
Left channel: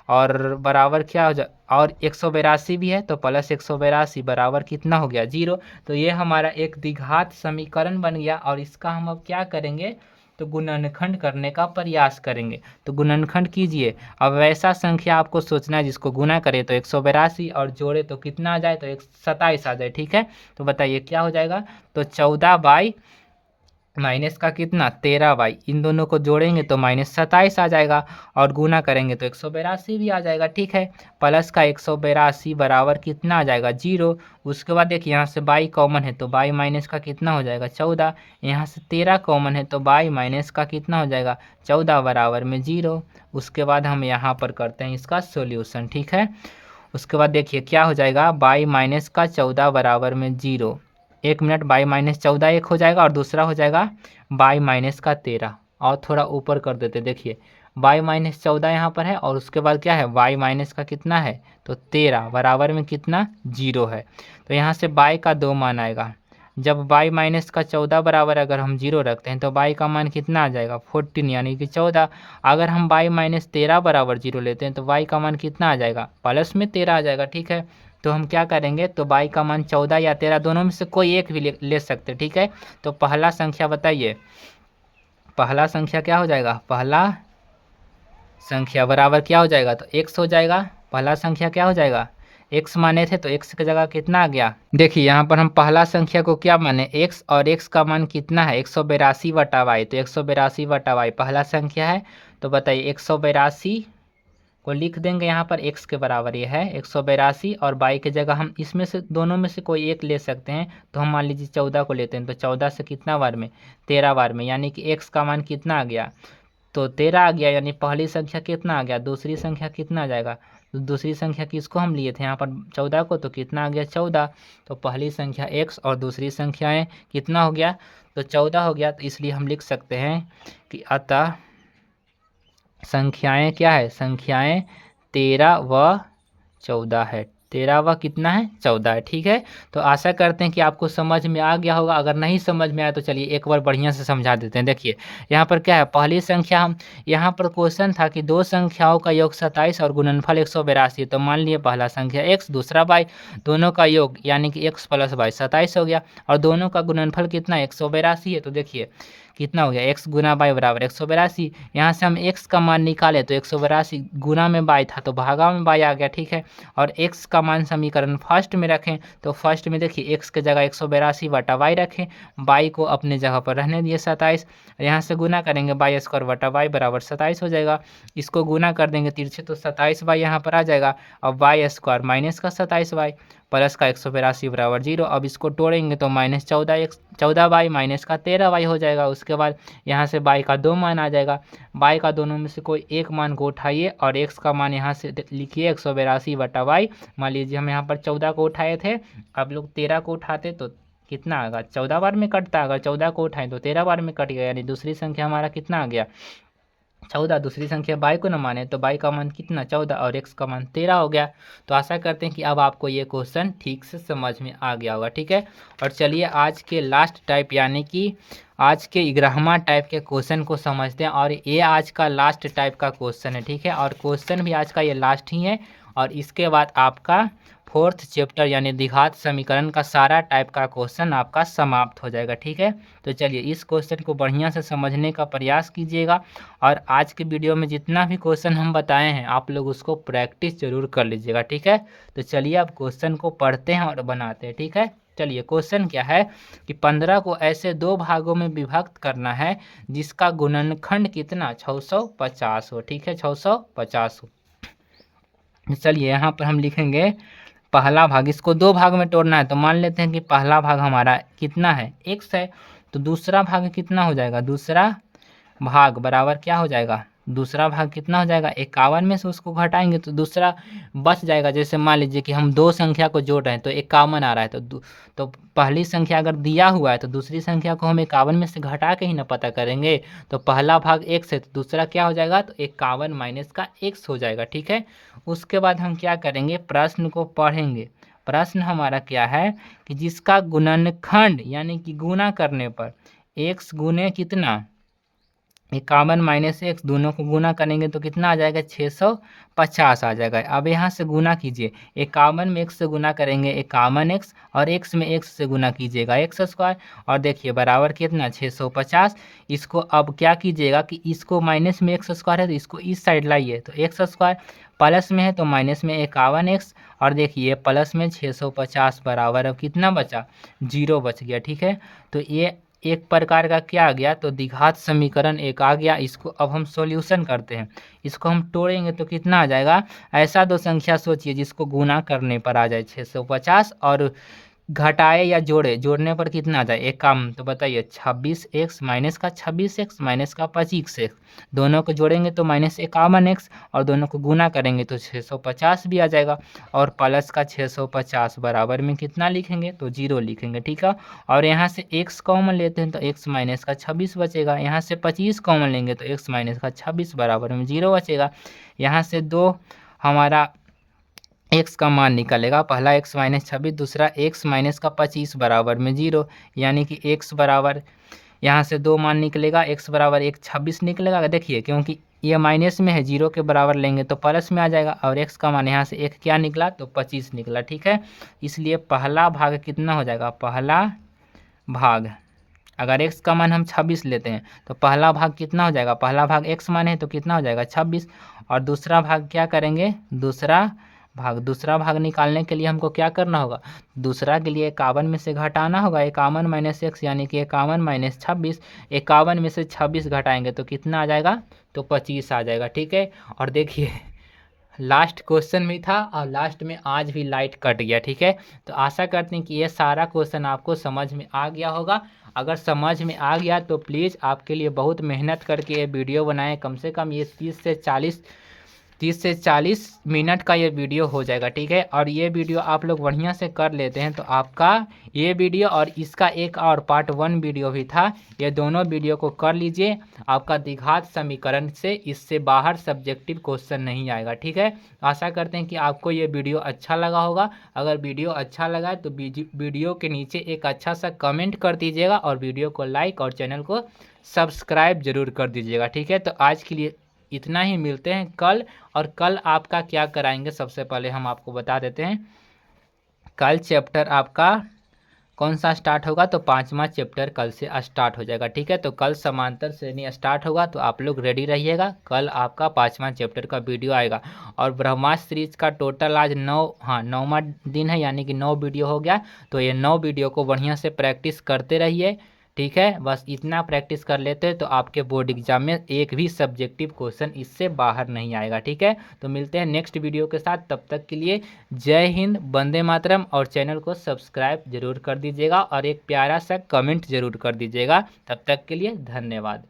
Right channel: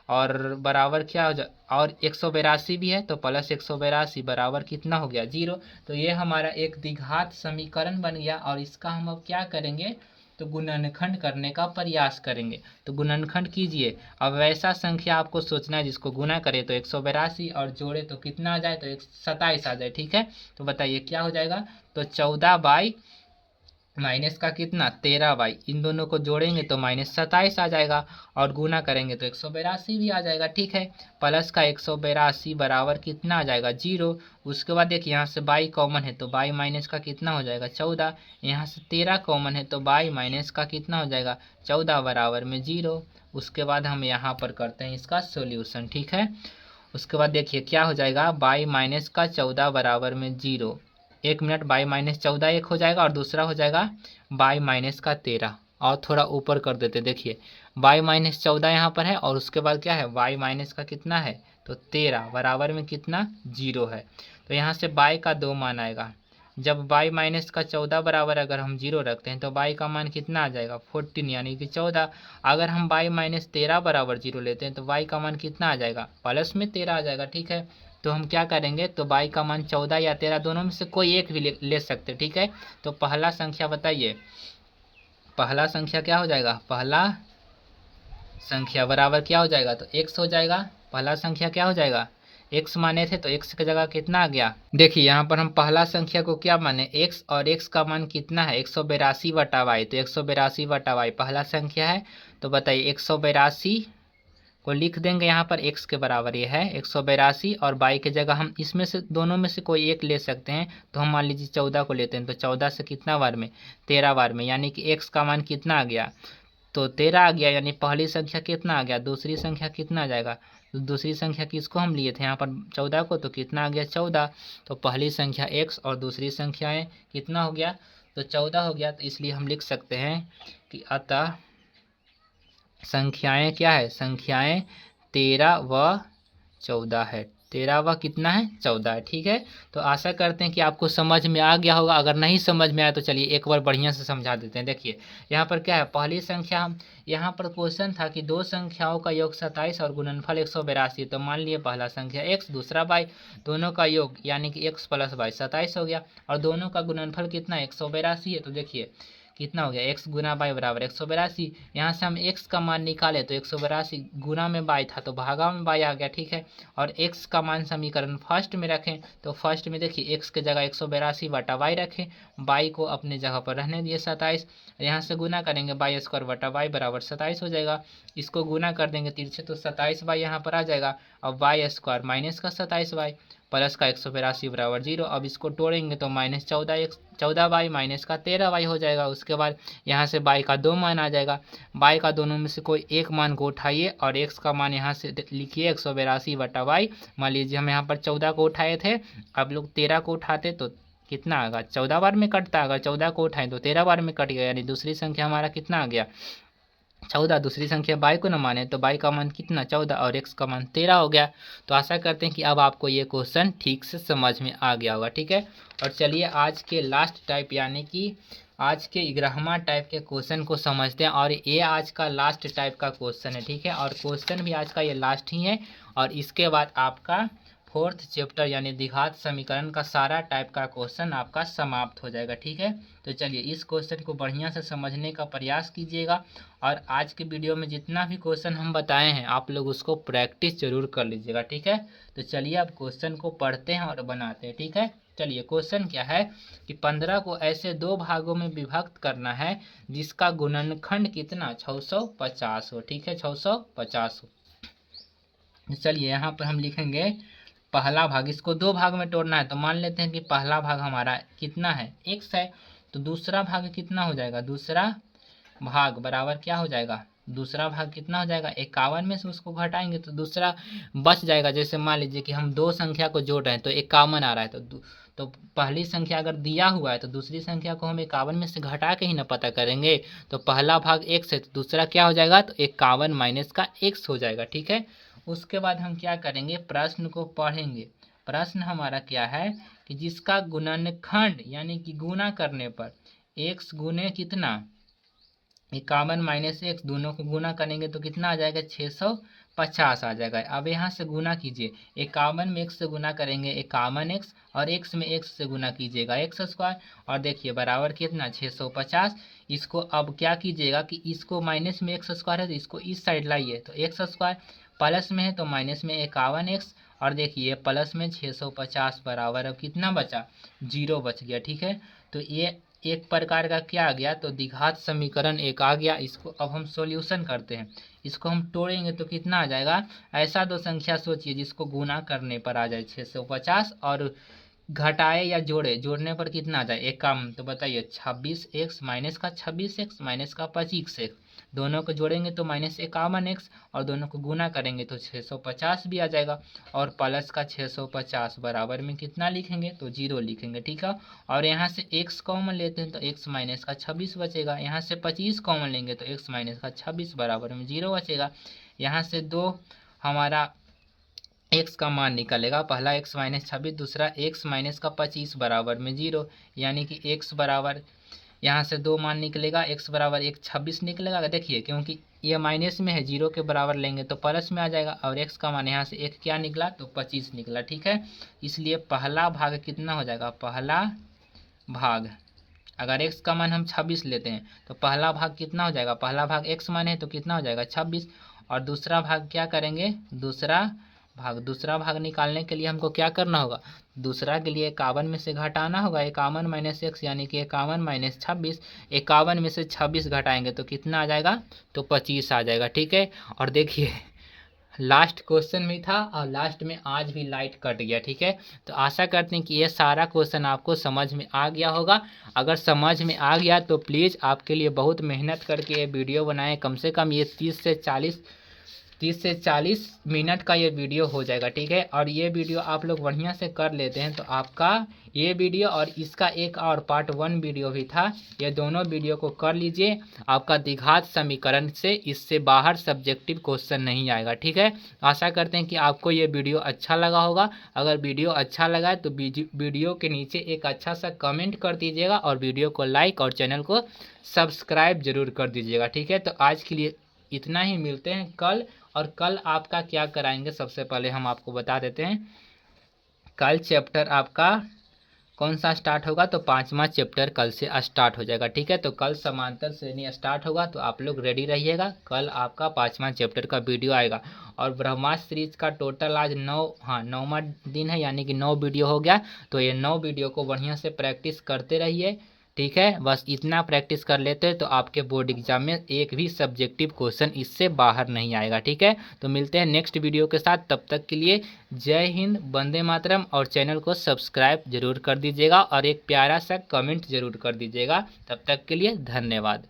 और बराबर क्या हो जाए, और 182 भी है तो प्लस 182 बराबर कितना हो गया 0। तो ये हमारा एक द्विघात समीकरण बन गया, और इसका हम अब क्या करेंगे तो गुणनखंड करने का प्रयास करेंगे। तो गुणनखंड कीजिए, अब वैसा संख्या आपको सोचना है जिसको गुना करे तो 182 और जोड़े तो कितना आ जाए तो 27 आ जाए। ठीक है, तो बताइए क्या हो जाएगा, तो 14 बाई माइनस का कितना 13 बाई, इन दोनों को जोड़ेंगे तो -27 आ जाएगा, और गुना करेंगे तो 182 भी आ जाएगा। ठीक है, प्लस का 182 बराबर कितना आ जाएगा 0। उसके बाद देखिए यहाँ से बाई कॉमन है तो बाई माइनस का कितना हो जाएगा 14, यहाँ से 13 कॉमन है तो बाई माइनस का कितना हो जाएगा 14 बराबर में 0। उसके बाद हम यहाँ पर करते हैं इसका सोल्यूशन। ठीक है, उसके बाद देखिए क्या हो जाएगा बाई माइनस का 14 बराबर में 0, 1 मिनट, बाई माइनस 14 एक हो जाएगा, और दूसरा हो जाएगा बाई माइनस का 13, और थोड़ा ऊपर कर देते, देखिए बाई माइनस 14 यहाँ पर है, और उसके बाद क्या है बाई माइनस का कितना है तो 13 बराबर में कितना 0 है। तो यहाँ से बाई का 2 मान आएगा, जब बाई माइनस का 14 बराबर अगर हम 0 रखते हैं तो बाई का मान कितना आ जाएगा 14, यानी कि 14। अगर हम बाई माइनस 13 बराबर 0 लेते हैं तो बाई का मान कितना आ जाएगा प्लस में 13 आ जाएगा। ठीक है, तो हम क्या करेंगे, तो y का मान 14 या 13 दोनों में से कोई एक भी ले सकते, ठीक है। तो पहला संख्या बताइए, पहला संख्या क्या हो जाएगा, पहला संख्या बराबर क्या हो जाएगा, तो x हो जाएगा। पहला संख्या क्या हो जाएगा, x माने थे तो x की जगह कितना आ गया। देखिए यहाँ पर हम पहला संख्या को क्या माने, x, और x का मान कितना है 182 बटा y, तो 182 बटा y पहला संख्या है। तो बताइए 182 को लिख देंगे यहाँ पर, x के बराबर ये है 182, और y की जगह हम इसमें से दोनों में से कोई एक ले सकते हैं। तो हम मान लीजिए 14 को लेते हैं, तो 14 से कितना बार में, 13 बार में, यानी कि x का मान कितना आ गया, तो 13 आ गया। यानी पहली संख्या कितना आ गया, दूसरी संख्या कितना आ जाएगा, तो दूसरी संख्या किसको हम लिए थे यहाँ पर 14 को, तो कितना आ गया 14। तो पहली संख्या x और दूसरी संख्याएं कितना हो गया, तो 14 हो गया। तो इसलिए हम लिख सकते हैं कि अतः संख्याएं क्या है, संख्याएं 13 व 14 है। 13 व कितना है, 14 है, ठीक है। तो आशा करते हैं कि आपको समझ में आ गया होगा। अगर नहीं समझ में आया तो चलिए एक बार बढ़िया से समझा देते हैं। देखिए यहाँ पर क्या है, पहली संख्या हम, यहाँ पर क्वेश्चन था कि दो संख्याओं का योग 27 और गुणनफल 182। तो मान लिए पहला संख्या x, दूसरा y, दोनों का योग यानी कि x प्लस y 27 हो गया, और दोनों का गुणनफल कितना 182 है। तो देखिए कितना हो गया, x गुना y बराबर 182। यहाँ से हम x का मान निकाले तो 182 गुना में y था तो भागा में y आ गया, ठीक है। और x का मान समीकरण फर्स्ट में रखें, तो फर्स्ट में देखिए x के जगह 182 बटा y रखें, y को अपने जगह पर रहने दिए 27। यहाँ से गुना करेंगे y स्क्वायर बटा y बराबर 27 हो जाएगा। इसको गुना कर देंगे तिरछे तो 27y यहाँ पर आ जाएगा। अब y स्क्वायर माइनस का 27y प्लस का 182 बराबर 0। अब इसको तोड़ेंगे तो माइनस 14y माइनस का 13y हो जाएगा। उसके बाद यहाँ से y का दो मान आ जाएगा, y का दोनों में से कोई एक मान को उठाइए और x का मान यहाँ से लिखिए 182 बटा y। मान लीजिए हम यहाँ पर 14 को उठाए थे, अब लोग 13 को उठाते तो कितना आएगा, 14 बार में कटता, अगर 14 को उठाएं तो 13 बार में कट गया, यानी दूसरी संख्या हमारा कितना आ गया 14। दूसरी संख्या y को न माने तो y का मान कितना 14 और x का मान 13 हो गया। तो आशा करते हैं कि अब आपको ये क्वेश्चन ठीक से समझ में आ गया होगा, ठीक है। और चलिए आज के लास्ट टाइप यानी कि आज के 11वां टाइप के क्वेश्चन को समझते हैं, और ये आज का लास्ट टाइप का क्वेश्चन है, ठीक है। और क्वेश्चन भी आज का ये लास्ट ही है, और इसके बाद आपका फोर्थ चैप्टर यानी द्विघात समीकरण का सारा टाइप का क्वेश्चन आपका समाप्त हो जाएगा, ठीक है। तो चलिए इस क्वेश्चन को बढ़िया से समझने का प्रयास कीजिएगा, और आज के वीडियो में जितना भी क्वेश्चन हम बताए हैं आप लोग उसको प्रैक्टिस जरूर कर लीजिएगा, ठीक है। तो चलिए अब क्वेश्चन को पढ़ते हैं और बनाते हैं, ठीक है। चलिए क्वेश्चन क्या है कि 15 को ऐसे दो भागों में विभक्त करना है जिसका गुणनखंड कितना 650 हो, ठीक है, 650 हो। चलिए यहाँ पर हम लिखेंगे पहला भाग, इसको दो भाग में तोड़ना है, तो मान लेते हैं कि पहला भाग हमारा कितना है x है, तो दूसरा भाग कितना हो जाएगा, दूसरा भाग बराबर क्या हो जाएगा, दूसरा भाग कितना हो जाएगा 51 में से उसको घटाएंगे तो दूसरा बच जाएगा। जैसे मान लीजिए कि हम दो संख्या को जोड़ रहे हैं तो 51 आ रहा है, तो पहली संख्या अगर दिया हुआ है तो दूसरी संख्या को हम 51 में से घटा के ही ना पता करेंगे। तो पहला भाग x है तो दूसरा क्या हो जाएगा, तो 51 माइनस का x हो जाएगा, ठीक है। उसके बाद हम क्या करेंगे, प्रश्न को पढ़ेंगे। प्रश्न हमारा क्या है कि जिसका गुणनखंड यानी कि गुना करने पर x गुने कितना 51 माइनस एक्स, दोनों को गुना करेंगे तो कितना आ जाएगा 650 आ जाएगा। अब यहाँ से गुना कीजिए, 51 में x से गुना करेंगे 51x, और x में x से गुना कीजिएगा x स्क्वायर, और देखिए बराबर कितना 650। इसको अब क्या कीजिएगा कि इसको माइनस में x स्क्वायर है तो इसको इस साइड लाइए, तो x स्क्वायर प्लस में है तो माइनस में 51x, और देखिए प्लस में 650 बराबर अब कितना बचा 0 बच गया, ठीक है। तो ये एक प्रकार का क्या आ गया, तो द्विघात समीकरण एक आ गया। इसको अब हम सॉल्यूशन करते हैं, इसको हम तोड़ेंगे तो कितना आ जाएगा, ऐसा दो संख्या सोचिए जिसको गुना करने पर आ जाए 650 और घटाए या जोड़ने पर कितना आ जाए एक काम, तो बताइए 26x माइनस का 26x माइनस का 25x, दोनों को जोड़ेंगे तो माइनस 51x, और दोनों को गुना करेंगे तो 650 भी आ जाएगा, और प्लस का 650 बराबर में कितना लिखेंगे, तो 0 लिखेंगे, ठीक है। और यहाँ से x कॉमन लेते हैं तो x माइनस का 26 बचेगा, यहाँ से 25 कॉमन लेंगे तो x माइनस का 26 बराबर में 0 बचेगा। यहाँ से दो हमारा x का मान निकलेगा, पहला x माइनस 26, दूसरा x माइनस का 25 बराबर में 0, यानी कि x बराबर यहाँ से 2 मान निकलेगा, x बराबर 1 26 निकलेगा। देखिए क्योंकि ये माइनस में है, 0 के बराबर लेंगे तो प्लस में आ जाएगा, और x का मान यहाँ से 1 क्या निकला तो 25 निकला। ठीक है, इसलिए पहला भाग कितना हो जाएगा, पहला भाग अगर x का मान हम 26 लेते हैं तो पहला भाग कितना हो जाएगा, पहला भाग x मान है तो कितना हो जाएगा 26। और दूसरा भाग क्या करेंगे, दूसरा भाग निकालने के लिए हमको क्या करना होगा, दूसरा के लिए 51 में से घटाना होगा, 51 माइनस एक्स यानी कि 51 माइनस 26। 51 में से 26 घटाएंगे तो कितना आ जाएगा, तो 25 आ जाएगा। ठीक है, और देखिए लास्ट क्वेश्चन भी था और लास्ट में आज भी लाइट कट गया। ठीक है, तो आशा करते हैं कि ये सारा क्वेश्चन आपको समझ में आ गया होगा। अगर समझ में आ गया तो प्लीज़ आपके लिए बहुत मेहनत करके ये वीडियो बनाएं, कम से कम ये 30 से 40 मिनट का ये वीडियो हो जाएगा। ठीक है, और ये वीडियो आप लोग बढ़िया से कर लेते हैं तो आपका ये वीडियो और इसका एक और पार्ट 1 वीडियो भी था, ये दोनों वीडियो को कर लीजिए। आपका द्विघात समीकरण से इससे बाहर सब्जेक्टिव क्वेश्चन नहीं आएगा। ठीक है, आशा करते हैं कि आपको ये वीडियो अच्छा लगा होगा। अगर वीडियो अच्छा लगा है तो वीडियो के नीचे एक अच्छा सा कमेंट कर दीजिएगा और वीडियो को लाइक और चैनल को सब्सक्राइब जरूर कर दीजिएगा। ठीक है, तो आज के लिए इतना ही, मिलते हैं कल। और कल आपका क्या कराएंगे सबसे पहले हम आपको बता देते हैं। कल चैप्टर आपका कौन सा स्टार्ट होगा, तो 5वां चैप्टर कल से स्टार्ट हो जाएगा। ठीक है, तो कल समांतर श्रेणी स्टार्ट होगा, तो आप लोग रेडी रहिएगा। कल आपका 5वां चैप्टर का वीडियो आएगा। और ब्रह्मास्त्र सीरीज का टोटल आज 9वां दिन है, यानी कि 9 वीडियो हो गया। तो ये 9 वीडियो को बढ़िया से प्रैक्टिस करते रहिए। ठीक है, बस इतना प्रैक्टिस कर लेते हैं तो आपके बोर्ड एग्जाम में एक भी सब्जेक्टिव क्वेश्चन इससे बाहर नहीं आएगा। ठीक है, तो मिलते हैं नेक्स्ट वीडियो के साथ, तब तक के लिए जय हिंद, वंदे मातरम। और चैनल को सब्सक्राइब जरूर कर दीजिएगा और एक प्यारा सा कमेंट जरूर कर दीजिएगा। तब तक के लिए धन्यवाद।